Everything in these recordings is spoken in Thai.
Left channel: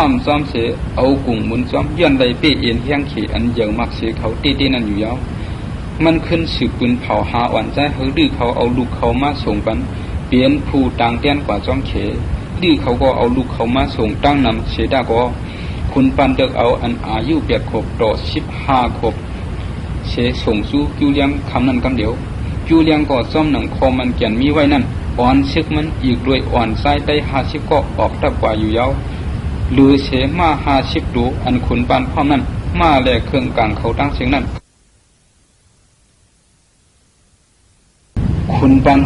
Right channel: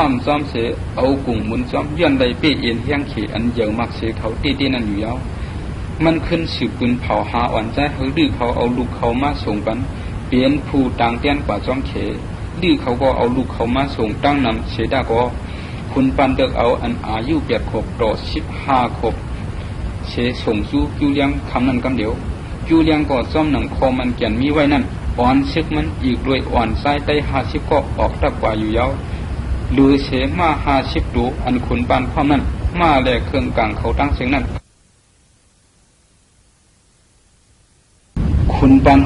ความซ้อมเสียเอากุ่งมุนซ้อมย้อนใดเปี้ยเอ็นเฮียงขี่อันเยอะมากเสียเขาตีนั่นอยู่ยาวมันขึ้นสืบปืนเผาหาอ่อนใจเฮดื้อเขาเอาลูกเขามาส่งกันเปลี่ยนผู้ต่างเต้นกว่าซ้อมเขดื้อเขาก็เอาลูกเขามาส่งตั้งนั้นเสียได้ก็คุณปันเด็กเอาอันอายุ8 ขวบต่อ15 ขวบเสียส่งสู้จูเลียงคำนั้นกันเดียวจูเลียงก็ซ้อมหนังคอมันแก่นมีไว้นั่นอ่อนเช็คมันอีกด้วยอ่อนไส้ได้50 ก็ออกตักกว่าอยู่ยาวหรือเสมา50 ตัวอันคุณปันพ่อนั้นมาแลกเครื่องกลางเขาตั้งเสียงนั้นคุณปัน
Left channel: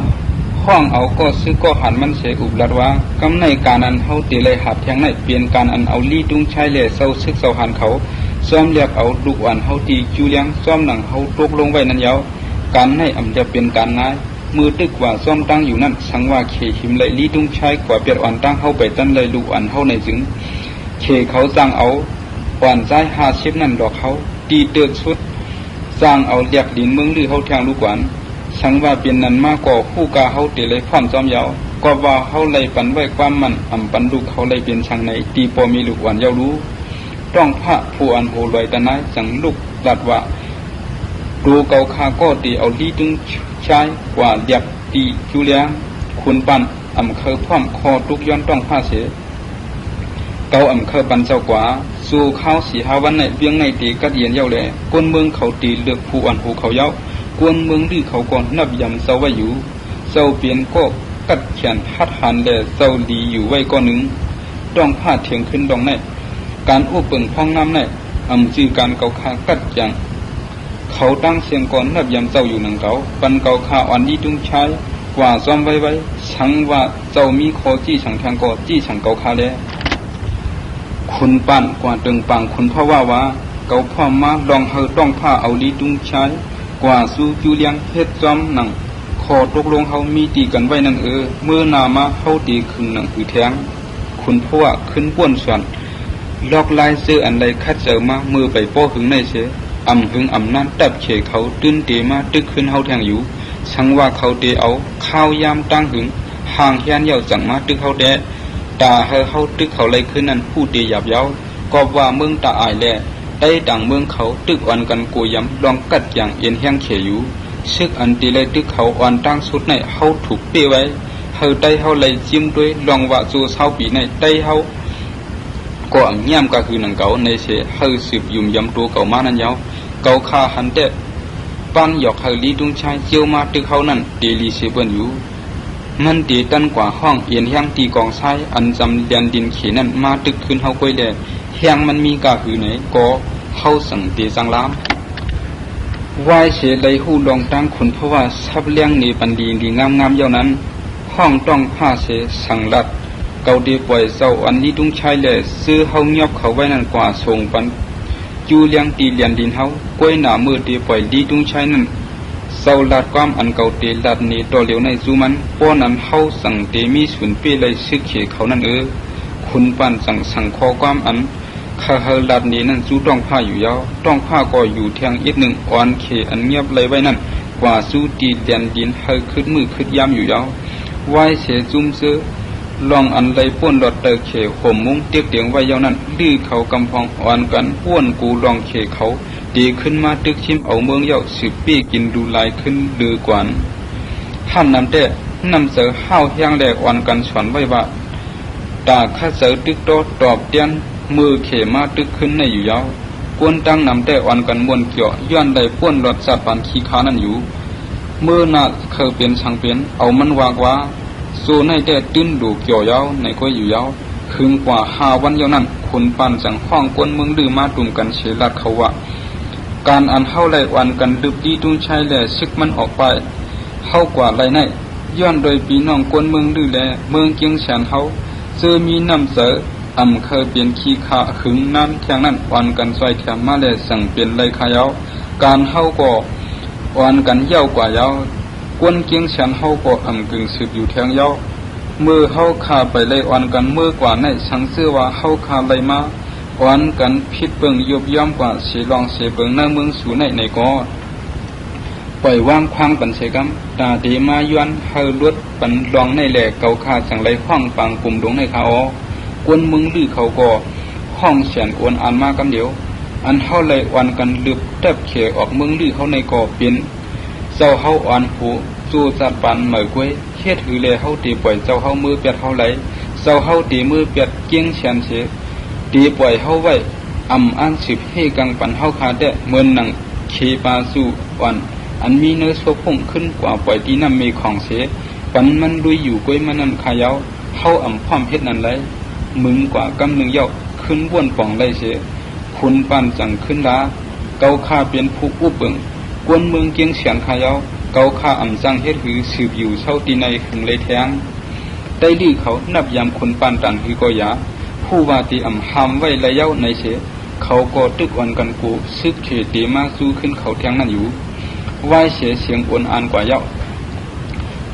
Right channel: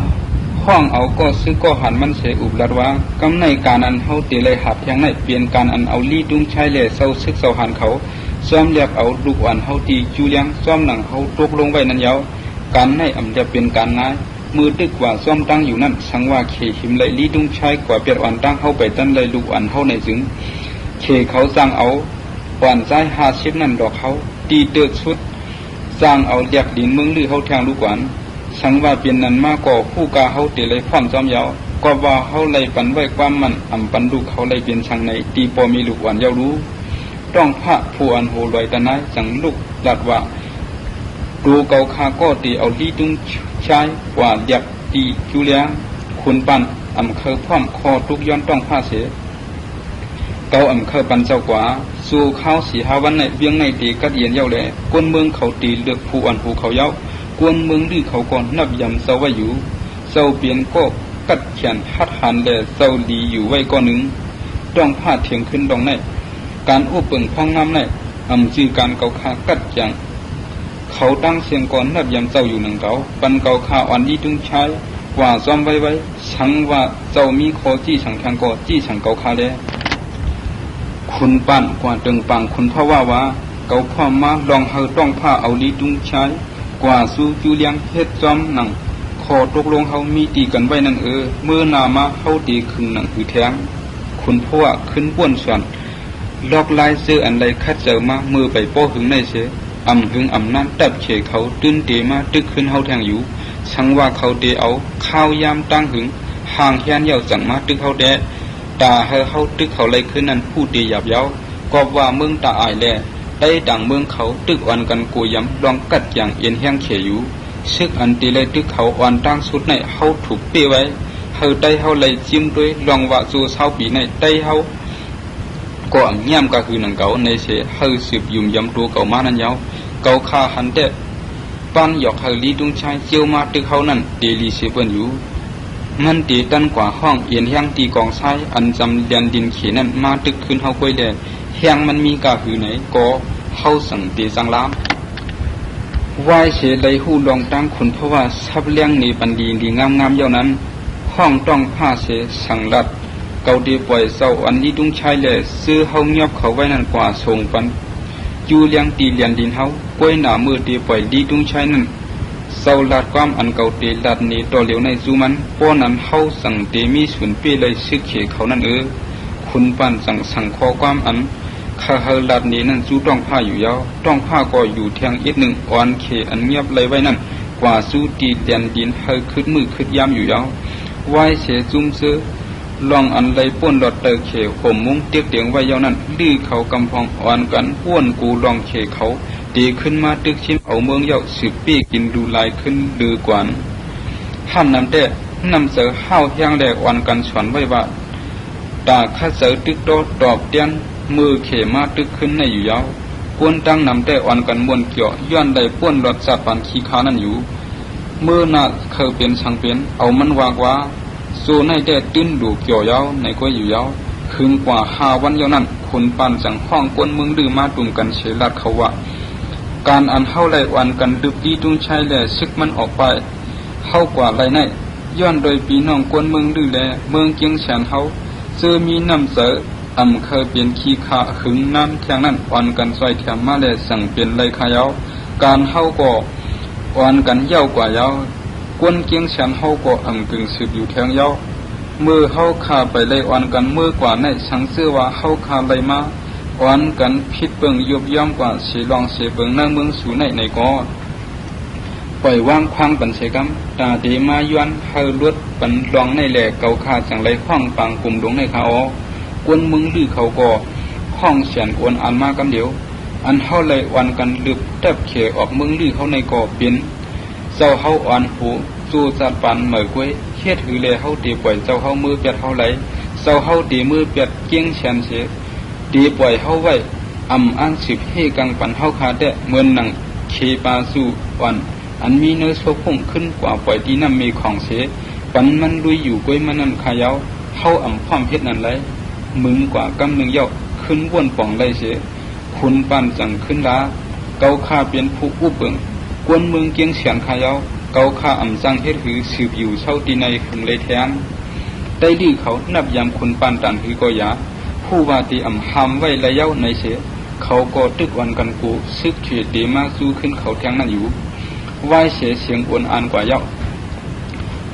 ห้องเอาก็ซื้อก็หันมันเสียอุบลัดว่ากำในการอันเขาตีเลยหับแทงในเปลี่ยนการอันเอาลีดุ้งใช้เลยเศร้าซึกเศร้าหันเขาซ้อมเรียกเอาลูกอ่อนเขาตีจูเลี้ยงซ้อมหนังเขาตกลงไว้นั่นยาวการไม่อันจะเป็นการง่ายมือตึกกว่าซ้อมตั้งอยู่นั่นสังว่าเขหิมเลยลีดุ้งใช้กว่าเปียกอ่อนตั้งเขาไปกันเลยลูกอ่อนเขาในถึงเขเขาจ้างเอาอ่อนใจ50นั่นดอกเขาตีเตือกชุดจ้างเอาเรียกดินเมืองลือเขาทางลูกอ่อนสังว่าเป็นนั้นมากกว่าผู้กาเขาตีเลยพร้อมจอมยาวก็ว่าเขาเลยปันด้วยความมันปันลูกเขาเลยเป็นช่างในตีปอมีลูกอ่อนยาวรู้ต้องพระผู้อันโหลอยกันนะสังลูกดัดว่าดูเกาคาก็ตีเอาลีดึงใช้กว่าอยากตีจูเลี้ยงคุณปันเคยพร้อมคอทุกย้อนต้องผ้าเสือเกาเคยปันเจ้ากว่าสู่เขา4-5 วันในเวียงในตีกัดเย็นเย้าเลยก้นเมืองเขาตีเลือกผู้อันผู้เขาเย้ากวนเมืองที่เขาก่อนนับยำเศร้าไว้อยู่เศร้าเปลี่ยนก็กัดแขนหัดหันแดดเศร้าดีอยู่ไว้ก้อนหนึ่งต้องผ้าเถียงขึ้นดองในการอุปเปิงพังงามในคือการเกาคากัดแขนเขาตั้งเสียงก่อนนับยำเศร้าอยู่หนังเขาปันเกาคาอ่อนดีตุ้งใช้กว่าจอมไว้ชังว่าเจ้ามีคอจี้ฉังแทงก็จี้ฉังเกาคาแล้วคุณปั้นกว่าตึงปังคุณพ่อว่าเกาข้อมาลองเฮอต้องผ้าเอาดีตุ้งใช้กว่าสู้จูเลียงเฮ็ดจอมหนังขอตกลงเขามีตีกันไว้นั่นเมื่อนามาเขาตีขึ้นหนังคือแท้งคุณพ่อขึ้นป้วนส่วนลอกลายเสื้ออันใดคัดเจอมามือไปโป้หึงในเสือหึงน้ำตัดเฉยเขาตื้นตีมาตึกขึ้นเขาแทงอยู่สังว่าเขาตีเอาข้าวยามตั้งหึงห่างแค้นเยาจังมาตึกเขาแดะตาเขาตึกเขาเลยขึ้นนั่นผู้ตีหยาบเย้าก็ว่าเมืองตาอายแลต่างเมืองเขาตึกอ่อนกันกูย้ำลองกัดอย่างเอ็นแห้งเขยอยู่ซึกอันตีเลยตึกเขาอ่อนตั้งสุดในเขาถูกเปี้ยไว้เขาไตเขาเลยจิ้มด้วยลองว่าจูเศร้าปีในไตเขาก็ย่ำก็คือหนังเก่าในเสเขาสืบยุ่มย้ำตัวเก่ามานั่นยาวเก่าข้าหันเตะปั้นหยอกไทยลีดุงชายเจียวมาตึกเขานั่นตีลีเสเปิ้นอยู่มันตีกันกว่าห้องเอ็นแห้งตีกองไส้อันจำเดียนดินขีนั่นมาตึกขึ้นเขาไปเดะแห้งมันมีกาหือไหนก็เข้าสั่งตีสังล้ำว่าเสียใดหูลองตั้งคนเพราะว่าทับเลี้ยงในปันดีงามๆอย่างนั้นห้องต้องผ้าเสียสั่งรัดเกาดีปล่อยเศร้าอันนี้ต้องใช้เลยซื้อเฮาเงียบเขาไว้นั่นกว่าส่งปันจูเลี้ยงตีเลียนดินเฮากล้วยหนามือตีปล่อยดีต้องใช้นุ่มเศร้าลัดความอันเก่าตีลัดนี้ต่อเหลียวในจูมันป้อนั้นเฮาสั่งตีมีส่วนเปี้ยเลยซึกเขเขานั่นคุณปันสั่งคอความอันข้าเฮลัดนี้นั่งสู้ต้องผ้าอยู่ยาวต้องผ้าก็อยู่แทงอีกหนึ่งอ่อนเขอันเงียบเลยไว้นั่นกว่าสู้ตีเดียนดินเฮขึ้นมือขึ้นย้ำอยู่ยาวไหวเสียจุ้มเสือลองอันใดป้วนหลอดเตอเขผมมุ้งเตียงเตียงไว้ยาวนั่นดื้อเขากำพองอ่อนกันป้วนกูลองเขเขาตีขึ้นมาตึกชิมเอาเมืองยาวสืบปี้กินดูลายขึ้นดื้อกว่าท่านนั้นเต้นำเสือห้าวแห้งแดกอ่อนกันสอนไว้ว่าตาข้าเสือตึกโตตอบเตียนมือเขมาตึกขึ้นในอยู่ยาวกวนตั้งนำแต่อ่อนกันบนเกี่ยวย้อนใดป้วนรถสัตว์ปันขี้ค้านั่นอยู่เมื่อน่ะเคยเป็นช่างเป็นเอามันวากว่าโซในแต่ตื้นดูเกี่ยวยาวในก็อยู่ยาวถึงกว่า5 วันยาวนั้นคนปั่นสังข้องกวนเมืองดื้อมาตุ่มกันเฉลัดเขาว่าการอันเฮาไหลอ่อนกันดึกดีตุ้งใช้แลซึกมันออกไปเฮากว่าไรในย้อนโดยพี่น้องกวนเมืองดื้อแลเมืองเกียงแสนเฮาเคยมีน้ำเสเคยเป็นขี้ขาหึงน้ำแทงนั่นอ่อนกันใส่แถมมาเลยสั่งเป็นเลยขายาวการเฮาก็อ่อนกันเย้ากว่ายาวกวนเกียงฉันเฮาก็กึ่งสืบอยู่แทงยาวเมื่อเฮาขาไปเลยอ่อนกันเมื่อกว่าในสังเสื้อว่าเฮาขาเลยมาอ่อนกันพิดเปิงยบย่อมกว่าเสียลองเสียเปิงในเมืองสูในก็ปล่อยว่างพังกันเสียกันตาดีมาย้อนเฮาลวดปันรองในแหล่เก่าขาสังเลยข้องปังกลุ่มหลวงในเขากวนมึงดื้อเขาก็ ห้องเสียนอวนอันมากำเดียวอันเฮาเลยอ่อนกันลึกแทบเขออกเมืองดีเขาในก่อเป็นเจ้าเฮาอ่อนหูจูจัดปันเหมยกวยเฮ็ดหือเลยเฮาตีปล่อยเจ้าเฮามือเป็ดเฮาไหลเจ้าเฮาตีมือเป็ดเกี้ยงเฉียนเสียตีปล่อยเฮาไว้อ้างสืบให้กังปันเฮาคาแต่เหมือนหนังเคปาสู่อ่อนอันมีเนื้อโซพุ่งขึ้นกว่าปล่อยที่นั่นมีของเสียปันมันลุยอยู่กวยมันนั่นขายาวเฮาพร้อมเฮ็ดนั่นไหลมึงกว่ากำนึงยอกขึ้นว่นป่องไรเสียคุณปันจังขึ้นลาเกาข้าเป็นผู้อุปเปิงกวนเมืองเกียงเฉียงขายาวเกาข้าจังเฮ็ดหือสืบอยู่เช่าตีในคุมเลยแทงใต้ดีเขานับยามคุณปันตันหือก็ยาผู้ว่าตีหามไว้ระยะในเสียเขาก็ตึกวันกันกูซึกเถือตีมาสู้ขึ้นเขาแทงนั่นอยู่ว่าเสียเสียงอ่อนอันกว่าเย้า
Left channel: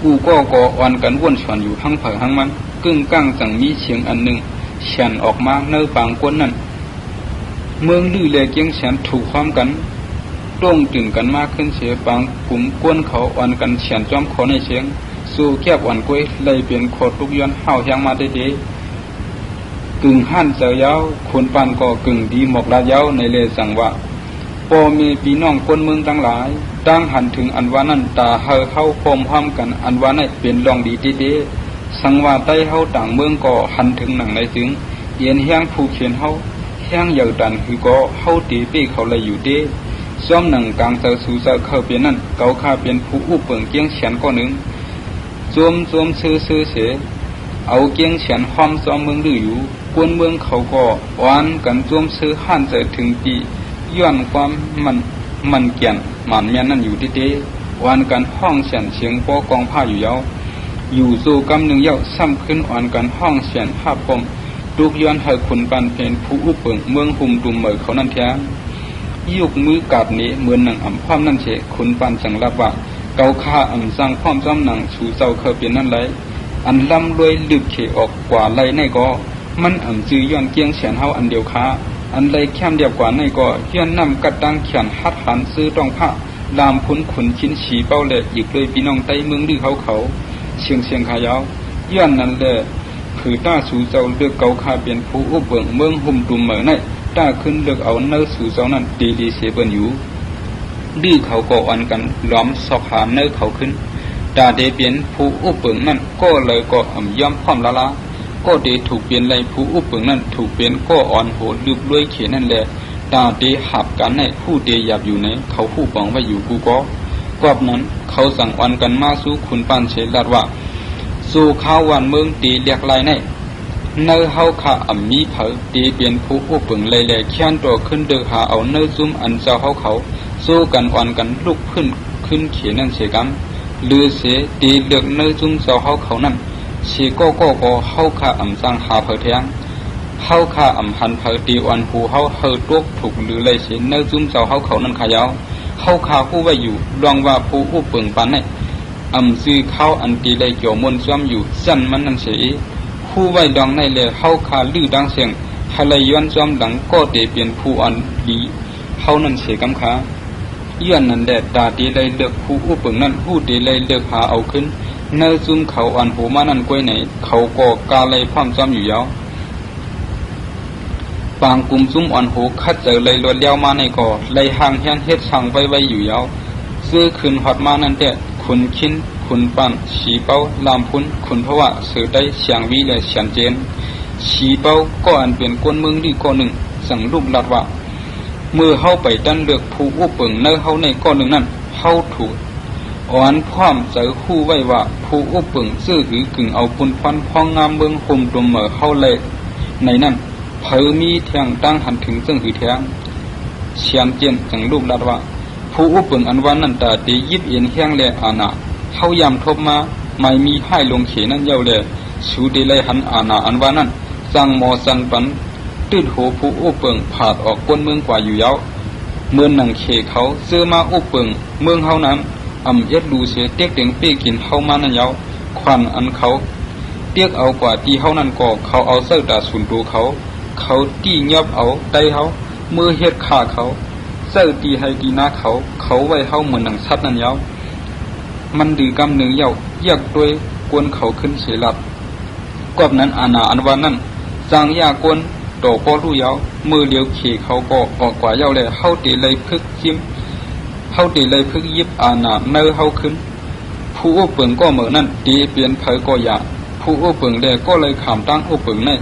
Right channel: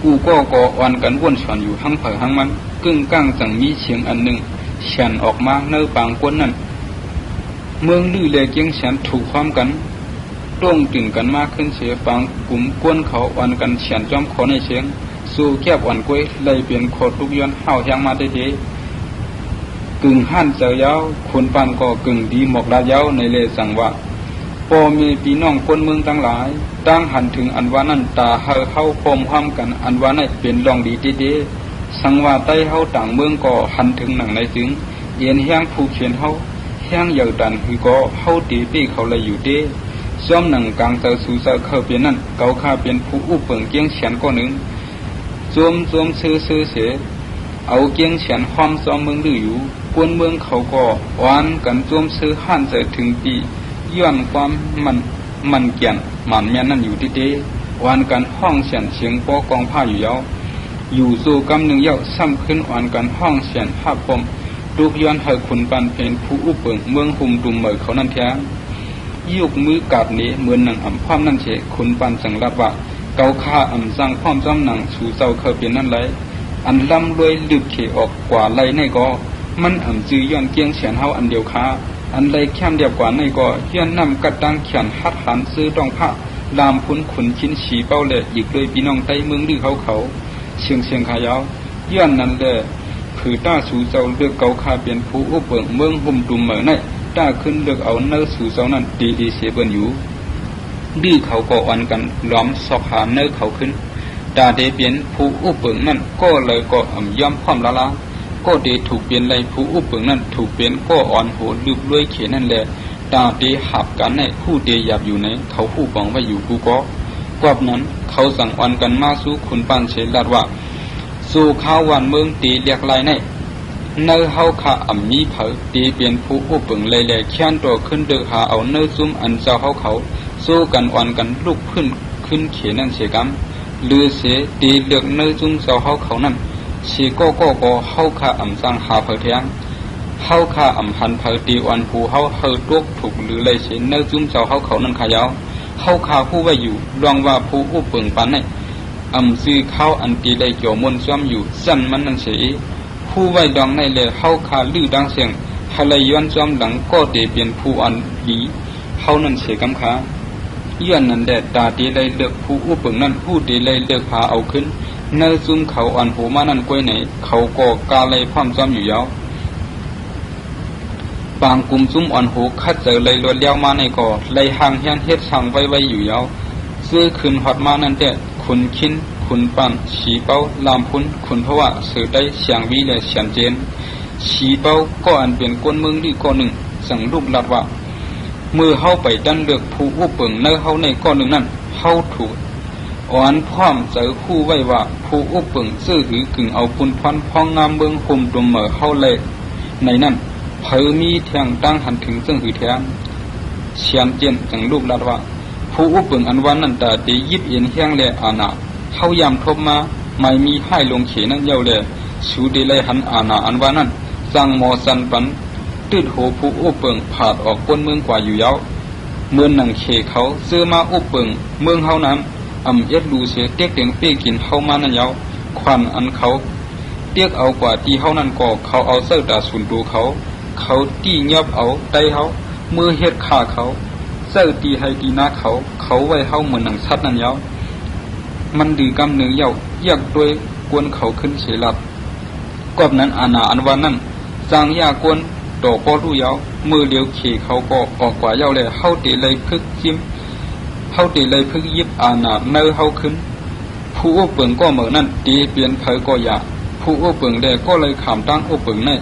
กูก็อ่อนกันว่นฝันอยู่ทั้งไผ่ทั้งมันกึ่งก้างจังมีเสียงอันหนึ่งเฉียนออกมาในปางกวนนั่นเมืองดื้อเลยเกียงเฉียนถูกพร้อมกันต้งตึงกันมากขึ้นเสียปางกลุ่มกวนเขาอ่อนกันเฉียนจอมขอในเสียงสู้แคบอ่อนกล้วยเลยเปลี่ยนขอทุกย้อนห้าวยังมาเด็ดกึ่งหั่นเจ้าเย้าคนปานก็กึ่งดีหมกลาเย้าในเลจังว่าพอมีพี่น้องคนเมืองทั้งหลายตั้งหันถึงอันว่านั่นตาเฮาเข้าโคมห้อมกันอันว่านั่นเป็นรองดีเด้สังว่าใต้เฮาต่างเมืองก็หันถึงหนังในถึงเย็นแห้งผู้เขียนเฮาแห้งเหยาดันคือก็เฮาตีปีเขาเลยอยู่เด้ซ้อมหนังกลางเตอสู่เจ้าเข้าเปลี่ยนนั่นเกาข้าเป็นผู้อุปเปิงเกียงเฉียนก็หนึ่งจวมซื้อเสเอาเกียงเฉียนห้อมจอมเมืองดื้ออยู่กวนเมืองเขาก็อ่อนกันจวมซื้อหั่นใจถึงปีย้อนความมันเกี่ยนหมันแม่นั่นอยู่ที่เด้อ่อนกันห้องเฉียนเสียงโปกองผ้าอยู่ยาวอยู่สู่กำหนึ่งเย้าซ้ำขึ้นอ่อนกันห้องเฉียนห้าปมลูกย้อนเฮาขุนปันเพนผู้อุปเปิงเมืองหุ่มตุ่มเหมยเขานั่นแท้ยุกมือกาดนี้เหมือนหนังพร้อมนั่นเฉขุนปันสังรับว่าเกาข้าสร้างพร้อมจ้อมหนังสู่เจ้าเข้าเปลี่ยนนั่นเลยอันล่ำรวยลึกเขออกกว่าไรในก็มันจือย้อนเกียงเฉียนเฮาอันเดียวค้าอันใดแค่เดียวกว่าในก็ย้อนนำกับตังเขียนฮัดหันซื้อต้องผ้าลามขุนชิ้นฉีเป้าเละอีกเลยพี่น้องใต้เมืองดื้อเขาเชียงขายาวย้อนนั่นแหละถือต้าสู่เจ้าเลือกเกาข้าเป็นผู้อุปเปิงเมืองหุ่มตุ่มเหมยในต้าขึ้นเลือกเอาเนื้อสู่เจ้านั้นดีเสียเบิ่นอยู่ดีเขาก็อ่อนกันล้อมสอบหาเนื้อเขาขึ้นตาเดเปลี่ยนผู้อุปเปิงนั่นก็เลยก็ย่อมพร้อมละก็เดถูกเปลี่ยนเลยผู้อุปเปิงนั่นถูกเปลี่ยนก็อ่อนโหลึกด้วยเขียนนั่นแหละตาเดหับกันในผู้เดหยาบอยู่ในเขาผู้ปองไว้อยู่กูก็กอบนั้นเขาสั่งอ่อนกันมาสู้คุณปานเชลัดว่าสู่ข้าววันเมืองตีเรียกลายในเฮาขามีเผาตีเปลี่ยนผู้อุปเปิงเลยแค้นตัวขึ้นเดือหาเอาเนื้อซุ่มอันเจ้าเขาสู้กันอ่อนกันลุกขึ้นเขียนนั่นเสียกันหรือเสียตีเด็กในจุงเสาเขานั่นสีก็เข้าขาสร้างหาเผยแทงเข้าขาหันเผยตีอ่อนหูเฮาเฮยพวกถูกหรือเลยเสียในจุงเสาเขานั่นขายาวเข้าขาผู้ไว้อยู่ลองว่าผู้อุปเปิงปันนี่ซื้อเข้าอันตีเลยโจมนซ้ำอยู่สั้นมันนั่นเสียผู้ไว้ดองในเลยเข้าขาลื้อดังเสียงเขาเลยย้อนซ้ำดังก็เดเปลี่ยนผู้อันดีเขานั่นเสียกันขาย้อนนั่นแดดตาตีเลยเลือกผู้อุปเปิงนั่นผู้ตีเลยเลือกหาเอาขึ้นในซึ่งเขาอ่อนหูมานั่นกล้วยไหนเขาก็กาเลยพร้อมจำอยู่ยาวปางกลุ่มซุ้มอ่อนหูคัดใจเลยเลือดเลี้ยวมาในก่อเลยห่างแห้งเฮ็ดช่างไว้อยู่ยาวซื้อขึ้นหัดมานั่นแต่ขุนชิ้นขุนปันฉีเป้าลามพุนขุนเพราะว่าเสือไปเสียงวีและเสียงเจมฉีเป้าก็อันเป็นก้นเมืองดีก้อนหนึ่งสั่งรูปลัดว่าเมื่อเฮาไปตั้งเลือกผู้อุปเปิงในเฮาในก้อนหนึ่งนั่นเฮาถูกอ่อนพร้อมใจคู่ไว้ว่าผู้อุปเปิงซื้อหือกึ่งเอาพุนฟันพองงามเมืองห่มตุ่มเหม่อเฮาเลยในนั้นเผยมีแทงตั้งหันถึงซึ่งหือแทงเชียนเจียนสั่งรูปลัดว่าผู้อุปเปิงอันวันนั้นตาตียิบเอ็นแห้งเลยอาณาเฮายันทบมาไม่มีให้ลงเขนั่นเย้าเลยสูดีเลยหันอาณาอันวันนั้นสั่งหมอสันปันติดหัวผู้อุปเปิงผาดออกก้นเมืองกว่าอยู่ยาวเมื่อหนังเขเขาซื้อมาอุปเปิงเมืองเฮานั้นเอ็ดดูเสียเตี้ยเก่งเปี้ยกินเฮามานั่นยาวควันอันเขาเตี้ยเอากว่าที่เฮานั่นก็เขาเอาเส้าตาสุนดูเขาตีเงียบเอาไตเขามือเฮ็ดขาเขาเส้าตีให้ตีมาเขาไว้เฮาเหมือนหนังสัตว์นั่นยาวมันดื้อกำเนื้อเย้าแยกด้วยกวนเขาขึ้นเสียลัดกอบนั้นอาณาอันว่านั่นสร้างยากวน โตป้อรู้ยาวมือเลี้ยวขี่เขาก็ออกกว่าเย้าเลยเข้าตีเลยพึกยิ้มเข้าตีเลยพึกยิบอาณาในเข้าขึ้นผู้อุปเปิงก็เหมือนนั่นตีเปลี่ยนเผยก็อยากผู้อุปเปิงเดก็เลยขามตั้งอุปเปิงเนี่ย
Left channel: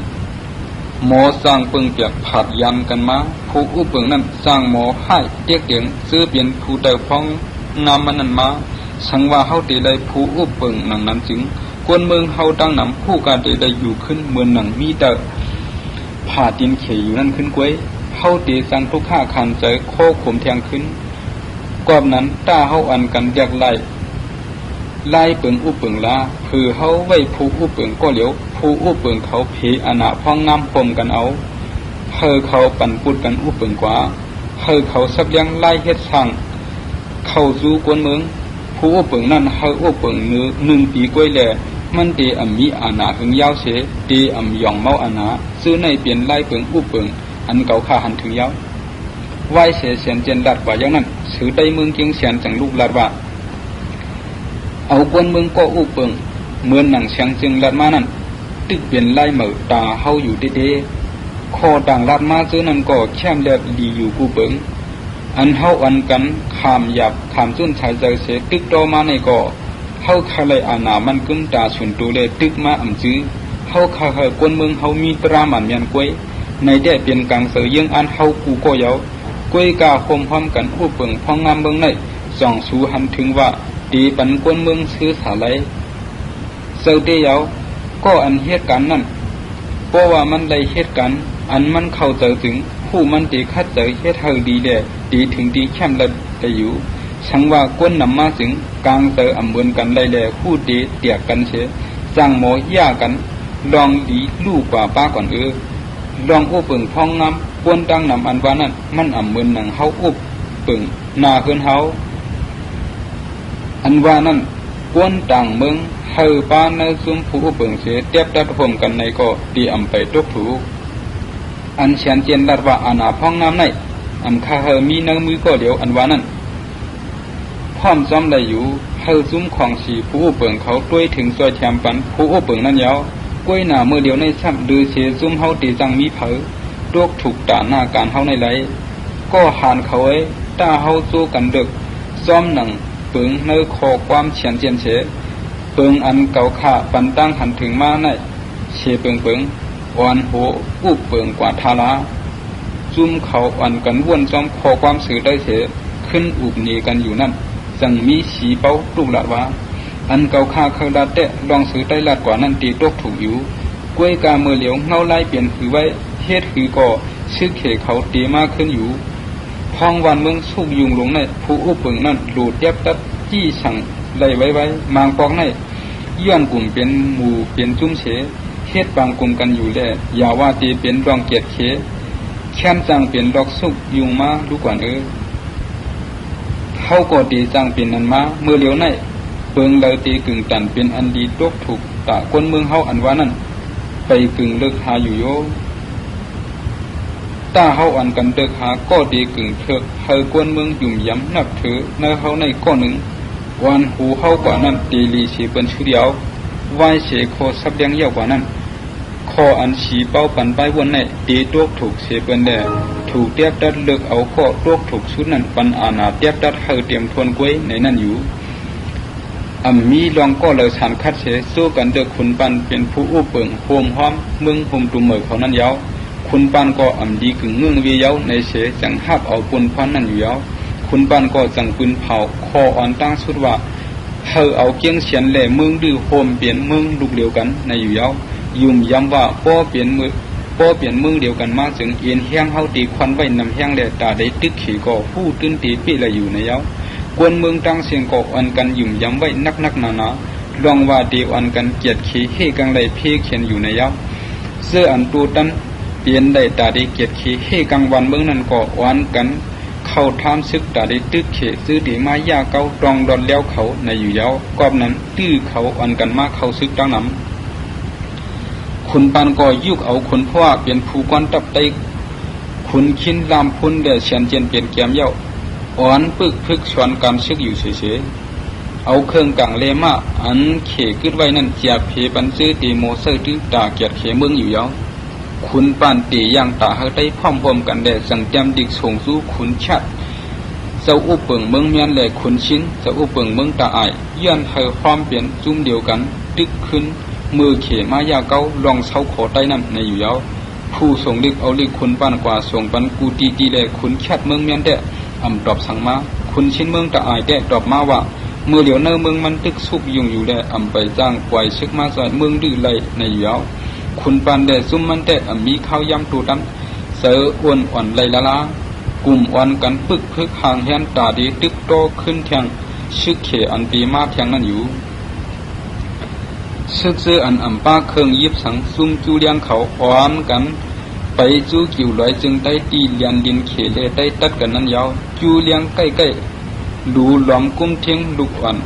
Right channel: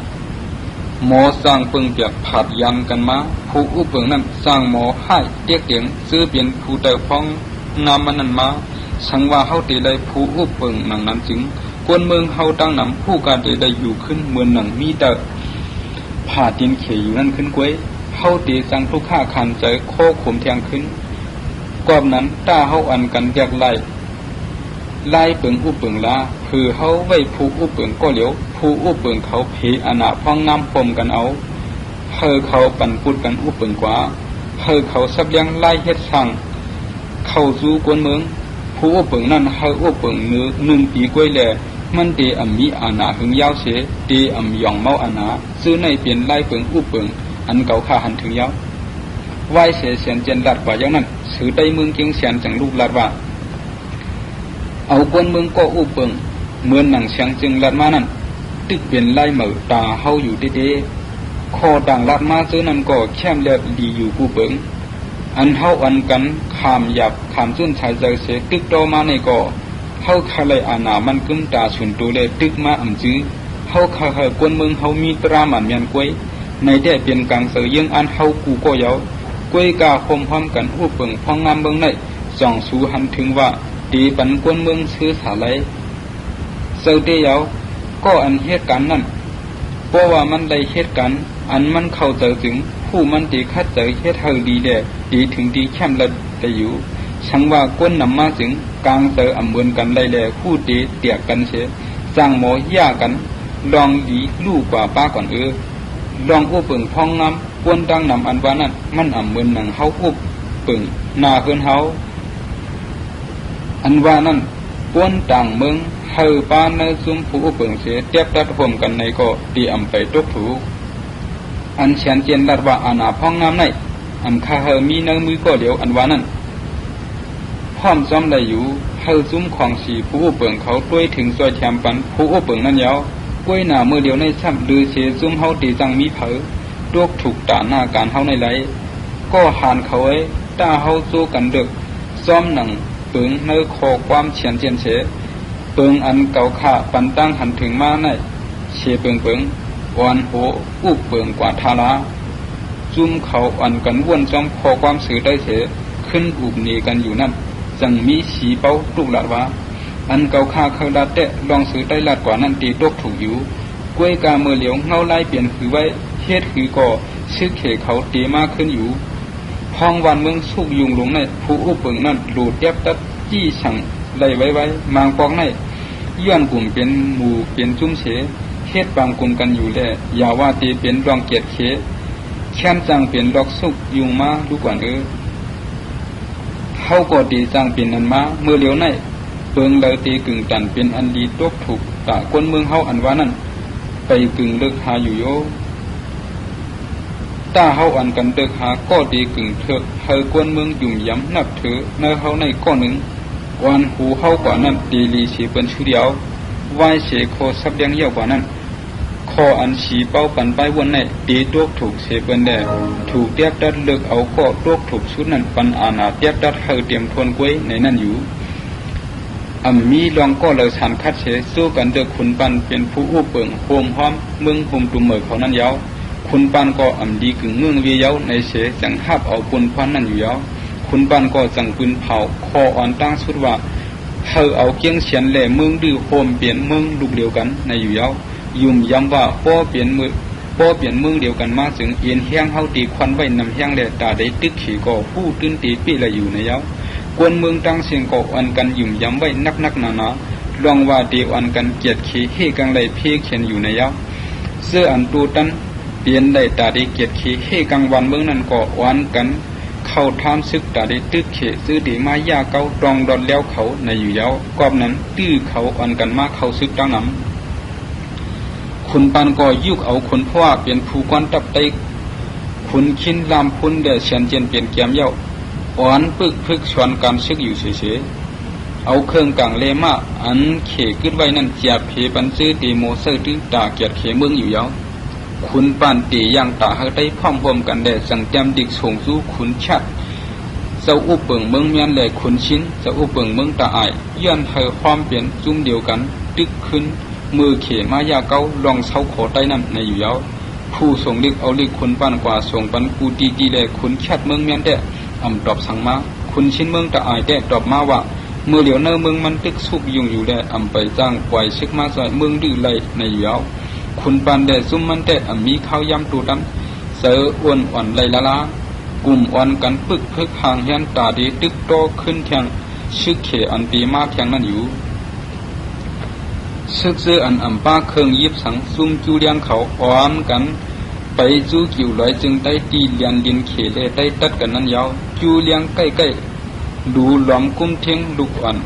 หมอสร้างเปิงเปียกผัดยันกันมาผู้อุปเปิงนั่นสร้างหมอให้เตี้ยเตียงซื้อเปลี่ยนผู้เตยฟ้องงามมันนั่นมาสังว่าเข้าตีเลยผู้อุปเปิงหนังนั้นถึงกวนเมืองเข้าตั้งนั้นผู้การตีได้อยู่ขึ้นเมืองหนังมีแต่ผ่าดินเขยอยู่นั่นขึ้นกวยเข้าตีสังทุกข้าคำใจโคข่มแทงขึ้นกอบนั้นต้าเข้าอันกันแยกไล่เปิงอุปเปิงละคือเขาไว้ผู้อุปเปิงก็เหลียวผู้อุปเปิงเขาผีอนาพ้องน้ำพรมกันเอาเคยเขาปั่นปุดกันอุปเปิงกว่าเคยเขาสับยังไล่เฮ็ดสั่งเข้าสู่กวนเมืองผู้อุปเปิงนั่นเขาอุปเปิงเนื้อ1 ปีกวยแลมันเตอำมีอาณาหึงยาวเสเตอำยองเมาอาณาซื้อในเปลี่ยนไล่เปิงอุปเปิงอันเก่าข้าหันถึงยาวไหวเสียเสียนเจนดัดกว่าเยานั้นถือได้เมืองเกียงเสียนจังลูกลาดว่าเอากวนเมืองก็อุปเปิงเหมือนหนังเชียงจึงลาดมานั่นติดเปลี่ยนไล่เหมาตาเฮาอยู่เด้ๆคอต่างลาดมาซื้อนั่นก็แช่มเลือดดีอยู่กูเปิงอันเฮาอันกันขามหยับขามต้นสายใจเสียตึกโตมาในก็เฮาคาเลยอาณามันกึ่งตาสุนตัวเลยตึกมาอันซื้อเฮาคาให้กวนเมืองเฮามีประมาณยันกวยในได้เปลี่ยนการเสยยังอันเฮากูก็เยากวยกาคมพร้อมกันอุปเปิงพ้องน้ำเมืองในส่องสู่หันถึงว่าตีปันกวนเมืองซื้อสายไหลเสยเดียวก็อันเหตุการณ์นั้นเพราะว่ามันได้เหตุการณ์อันมันเข้าใจถึงผู้มันตีคัดใจเหตุเฮาดีเดียวตีถึงตีแค่มละได้อยู่สังว่ากวนนำมาถึงกลางเตยอำเบินกันได้แล้วผู้ตีเตียกกันเสียจ้างหมอย่ากันลองดีลู่กว่าป้าก่อนลองอุปเปิงพ้องน้ำกวนตั้งนำอันว่านั้นมันอำเบินหนังเฮาอุปเปิงนาเฮือนเฮาอันว่านั้นกวนต่างเมืองเฮาป้าในซึ่งผู้อุปเปิงเสียเตียบตัดพรมกันในก็ตีอำไปตกถูอันเชียนเตียนดัดว่าอาณาพ้องน้ำในอันข้าเฮมีในมือก็เดียวอันว่านั้นพร้อมจำได้อยู่เฮาซุ้มของสีผู้อุปเปิงเขาด้วยถึงจอยแชมปันผู้อุปเปิงนั่นยาวกล้วยหนาเมื่อเดียวในช่ำดูเสียซุ้มเฮาตีจังมีเผาโรคถูกตาหน้าการเฮาในไหลก็หานเขาไว้ตาเฮาสู้กันเด็กซ้อมหนังเปิงในคอความเฉียนเจียนเฉเปิงอันเก่าขาปันตั้งหันถึงมาในเฉเปิงอ่อนโหอุปเปิงกว่าทาราจุ่มเขาอันกันวนซ้อมคอความสื่อได้เสียขึ้นอุบหนีกันอยู่นั่นจังมีสีเป้าลูกหลาดว่าอันเก่าข้าเคยลาเตะลองซื้อใต้ลาดกว่านั่นตีตกถูกอยู่กล้วยกาเมื่อเหลียวเงาไล่เปลี่ยนคือไว้เฮ็ดคือก่อชื่อเขเขาตีมากขึ้นอยู่คลองวันเมืองสุกยุงลงในผู้อุปเปิงนั่นหลุดแยบตัดจี้สั่งไล่ไว้มางกองในย่อมกลุ่มเป็นหมู่เป็นจุ้มเฉเฮ็ดปองกลุ่มกันอยู่แล้วอย่าว่าตีเป็นรองเกียรติเฉแช่มจังเป็นดอกสุกยุงมาดูก่อนเขาก็ตีจังเป็นนันมาเมื่อเหลียวในเปิงเลยตีกึ่งตันเป็นอันดีตกถูกตะคนเมืองเฮาอันว่านั่นไปกึ่งเลิกหาอยู่โยตาเฮาอันกันเลิกหาก็ตีกึ่งเถิดให้คนเมืองยุ่มย้ำนับถือในเฮาในก้อนหนึ่งวันหูเฮากว่านั้นตีลีเสียเป็นชุดเดียวไหวเสียโคสับยังเยอะกว่านั้นคออันฉีเป้าปันไปวนในตีตกถูกเสียเป็นแดดถูกเตียบตัดเลิกเอาก็ตกถูกชุดนั้นปันอาณาเตียบตัดให้เตรียมคนกล้วยในนั้นอยู่อันมีลองก็เราสันคัดเสสู้กันเด็กคุณปันเป็นผู้อุปเปิงโฮมพร้อมเมืองโฮมตุ่มเหมยเขานั้นยาวคุณปันก็อันดีกึ่งเมืองเวียาวในเสจังหับเอาปุ่นพร้อมนั่นอยู่ยาวคุณปันก็จังปืนเผาคออ่อนตั้งสุดว่าเฮาเอาเกียงเฉียนแหล่เมืองดื้อโฮมเปลี่ยนเมืองลูกเดียวกันในอยู่ยาวยุ่มย้ำว่าป้อเปลี่ยนเมืองเดียวกันมาถึงเอียนเฮียงเฮาตีควันไว้นำเฮียงแหล่ตาได้ตึกขีก็ผู้ตื้นตีปีละอยู่ในยาวกวนเมืองตั้งเสียงกอกอันกันยุ่มย้ำไว้นักหนาลองว่าเดียวอันกันเกียดขี้ให้กังไหลเพียเขียนอยู่ในยาวเสื้ออันตูตันเปลี่ยนไหลตาได้เกียดขี้ให้กังวันเมืองนั้นก็วันกันเข้าทามซึกตาได้ตึกเขตื้อดีมายาเก้าตรองดอนแล้วเขาในอยู่ยาวกอบนั้นตื้อเขาอันกันมาเข้าซึกตั้งน้ำคุณปันก็ยุกเอาคนพ่อเป็นผู้กวนตับไตคุณคินลำคุณได้เฉียนเจียนเปลี่ยนแกมเย้าอ่อนปึกพึกสวนการซึกอยู่เฉยๆเอาเครื่องต่างเลมาอันเขกึดไว้นั่นเจียบเขปันซื้อตีโมเซอร์ตื้อตาเกียดเขเมืองอยู่ยาว ขุนปานตีอย่างตาเฮาได้พร้อมรวมกันแลสังเตรียมดิกส่งสู่ขุนชัดเจ้าอุเปิงเมืองเมียนแลขุนชิ้นเจ้าอุเปิงเมืองตาอายย้อนให้ความเปลี่ยนจุ่มเดียวกันตึกขึ้นมือเขมายาเก้าลองเซาขอใต้น้ำในอยู่แล้วผู้ส่งลิกเอาลิกขุนปานกว่าส่งปันกูตีจีแลขุนชัดเมืองเมียนแดตอบสั่งมาขุนชิ้นเมืองตาอายแดตอบมาว่าเมื่อเหลียวเนอเมืองมันตึกสุกยิงอยู่ได้ไปจ้างปล่อยเช็คมาใส่เมืองดื้อไหลในอยู่แล้วขุนปานแดซุ่มมันแดมีข้าวยำตูดันเสืออ้วนอ่อนไหลละละกลุ่มอ่อนกันพึกห่างแหนตาดีตึกโตขึ้นแทงซึกเขอันปีมาแทงนั่นอยู่ซึกเสืออันป้าเครื่องยิบสังซุ่มจูเลียงเขาอ่อนกันไปจูกิ่วลอยจึงได้ตีเลียนดินเขเลได้ตัดกันนั้นยาวจูเลียงใกล้ดูหลอมกุ้มเทียงลูกอ่อน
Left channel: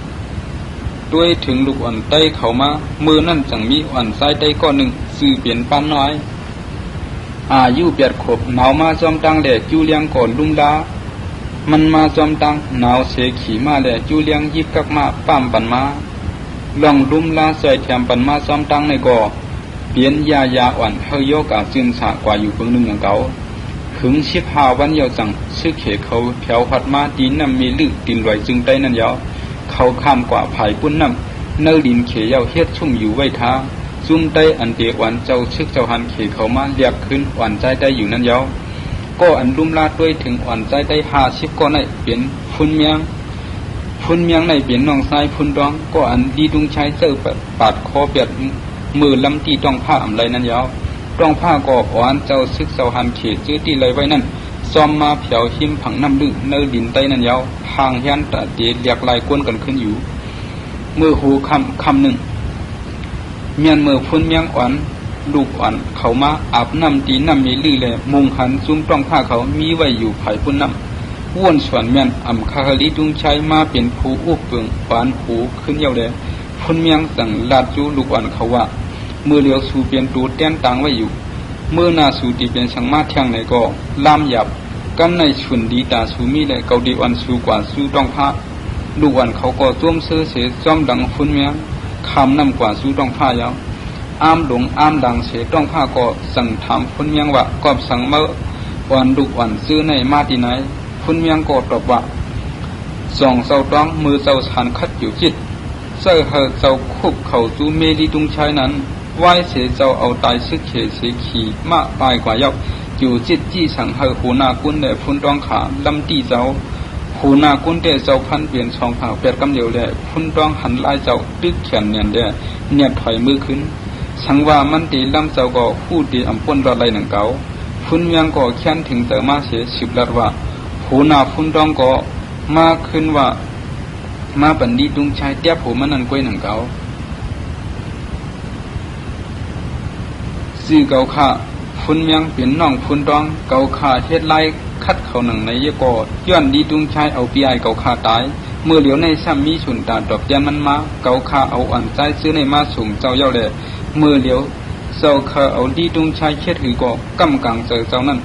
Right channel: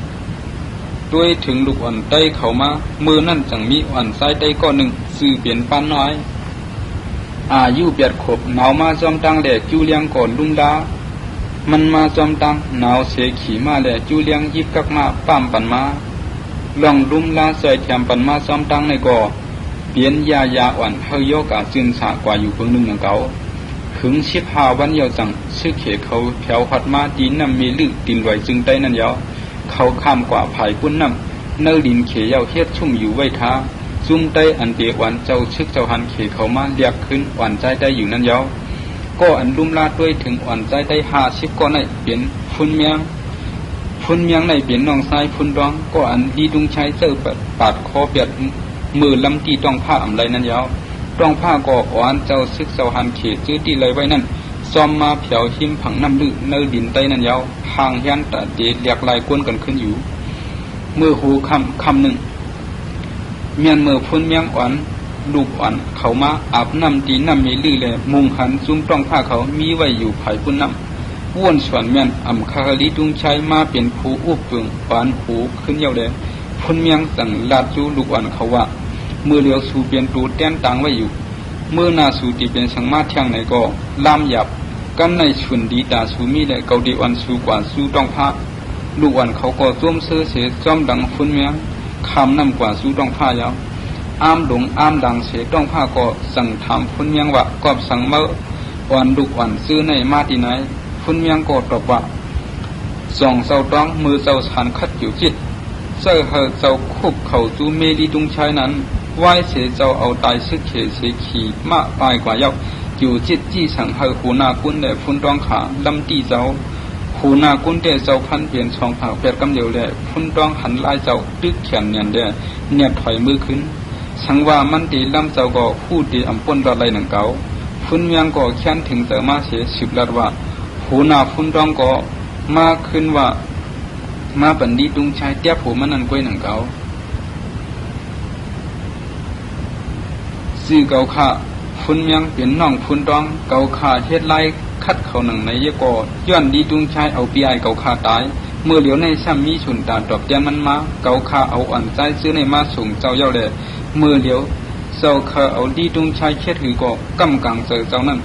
ด้วยถึงลูกอ่อนใต้เขามามือนั่นจังมีอ่อนซ้ายใต้ก้อนหนึ่งสื่อเปลี่ยนปานน้อยอายุเปียดขบหนาวมาจอมตังแดดจูเลียงก่อนลุงดามันมาจอมตังหนาวเสขี่มาแดดจูเลียงยิบกักมาปั้มปันมาลองลุมลาใส่แถมปันมาจอมตังในก่อเปลี่ยนยาอ่อนให้โยกอาจึงสากว่าอยู่เพิ่งหนึ่งของเขาถึง15 วันยาวจังชื่อเขเขาแถวหัดมาตีนำมีลึกดินไหลจึงได้นั่นยาวเขาข้ามกว่าภายพุ่นน้ำเนื้อดินเขยาวเฮ็ดชุ่มอยู่ไว้ท้าซุ่มเตออันเตียวันเจ้าซึกเจ้าหันเขเขามาเรียกขึ้นอ่อนใจได้อยู่นั่นยาวก็อันดุมลาเพื่อถึงอ่อนใจได้50ก็ในเปลี่ยนพุ่นเมียงในเปลี่ยนน้องชายพุ่นร้องก็อันดีดุงชายเจ้าปาดคอเปียดมือลำตีต้องผ้าอำไรนั่นยาวต้องผ้าก่ออ่อนเจ้าซึกเจ้าหันเขซื้อที่ไรไว้นั่นซ้อมมาเผียวหิมผังน้ำลึกในดินใต้นั่นยาวห่างแหนแต่เดียดอยากลายกวนกันขึ้นอยู่มือหูคำหนึ่งเมียนมือพุ่นเมียงอ่อนลูกอ่อนเขามาอาบน้ำตีน้ำมีลื่นเลยมุงหันซุ้มต้องผ้าเขามีไว้อยู่ไผ่พุ่นน้ำว้วนสวนเมียนคาลิดุงชัยมาเป็นผู้อุบเปลืองอ่อนหูขึ้นเยาเลยพุ่นเมียงแต่งลาดจูลูกอ่อนเขาว่ามือเหลียวสูเปลี่ยนตูแต้มต่างไว้อยู่เมื่อนาสูตีเป็นสังมาแทงไหนก็ลามหยับกันในส่วนดีตาสูมีเลยเกาดีอ่อนสูกว่าสูต้องผ้าลูกอ่อนเขาก็จ้วมเสือเสือจ้อมดังพุ่นเมียงคำนั่นกว่าสูต้องผ้าแล้วอ้ามหลงอ้ามดังเสือต้องผ้าก็สั่งถามพุ่นเมียงว่ากอบสั่งเมื่ออ่อนลูกอ่อนซื้อในมาที่ไหนพุ่นเมียงก็ตอบว่าส่องเสาต้องมือเสาชันคัดอยู่จิตเสื้อให้เจ้าคุบเขาจูเมดีตุงชายนั้นไหวเสียเจ้าเอาตายซึกเขเสียขี่มาตายกว่าเยาอยู่จิตจี้สั่งให้หูนากุ้นเดฟุ้นต้องขาลำตีเจ้าหูนากุ้นเดเจ้าพันเปลี่ยนช่องเขาเปียดกำเดียวเลยฟุ้นต้องหันไล่เจ้าตึกแขนเนียนเดเนียนไถมือขึ้นสังว่ามันตีลำเจ้าก็พูดตีอ่ำป้นดอดไรหนังเก่าฟุ้นเมียงก็แค้นถึงแต่มาเสียสิบลัดว่าหูนาฟุ้นต้องก็มาขึ้นว่ามาบันดีตุงชายเตี้ยผมมันนั่งกล้วยหนังเก่าสี่เก่าข่าคุณเมียงเป็นน้องคุณต้องเก่าข่าเฮ็ดไล่คัดเขาหนังในเยกอย้อนดีตุงชายเอาปีไอเก่าข่าตายเมื่อเหลียวในซ้ำมีฉุนการตอบแทนมันมาเก่าข่าเอาอ่อนใจซื้อในมาส่งเจ้าเย่าเดเมื่อเหลียวเจ้าข่าเอาดีตุงชายเช็ดหรือก็กำกังใจเจ้านั่น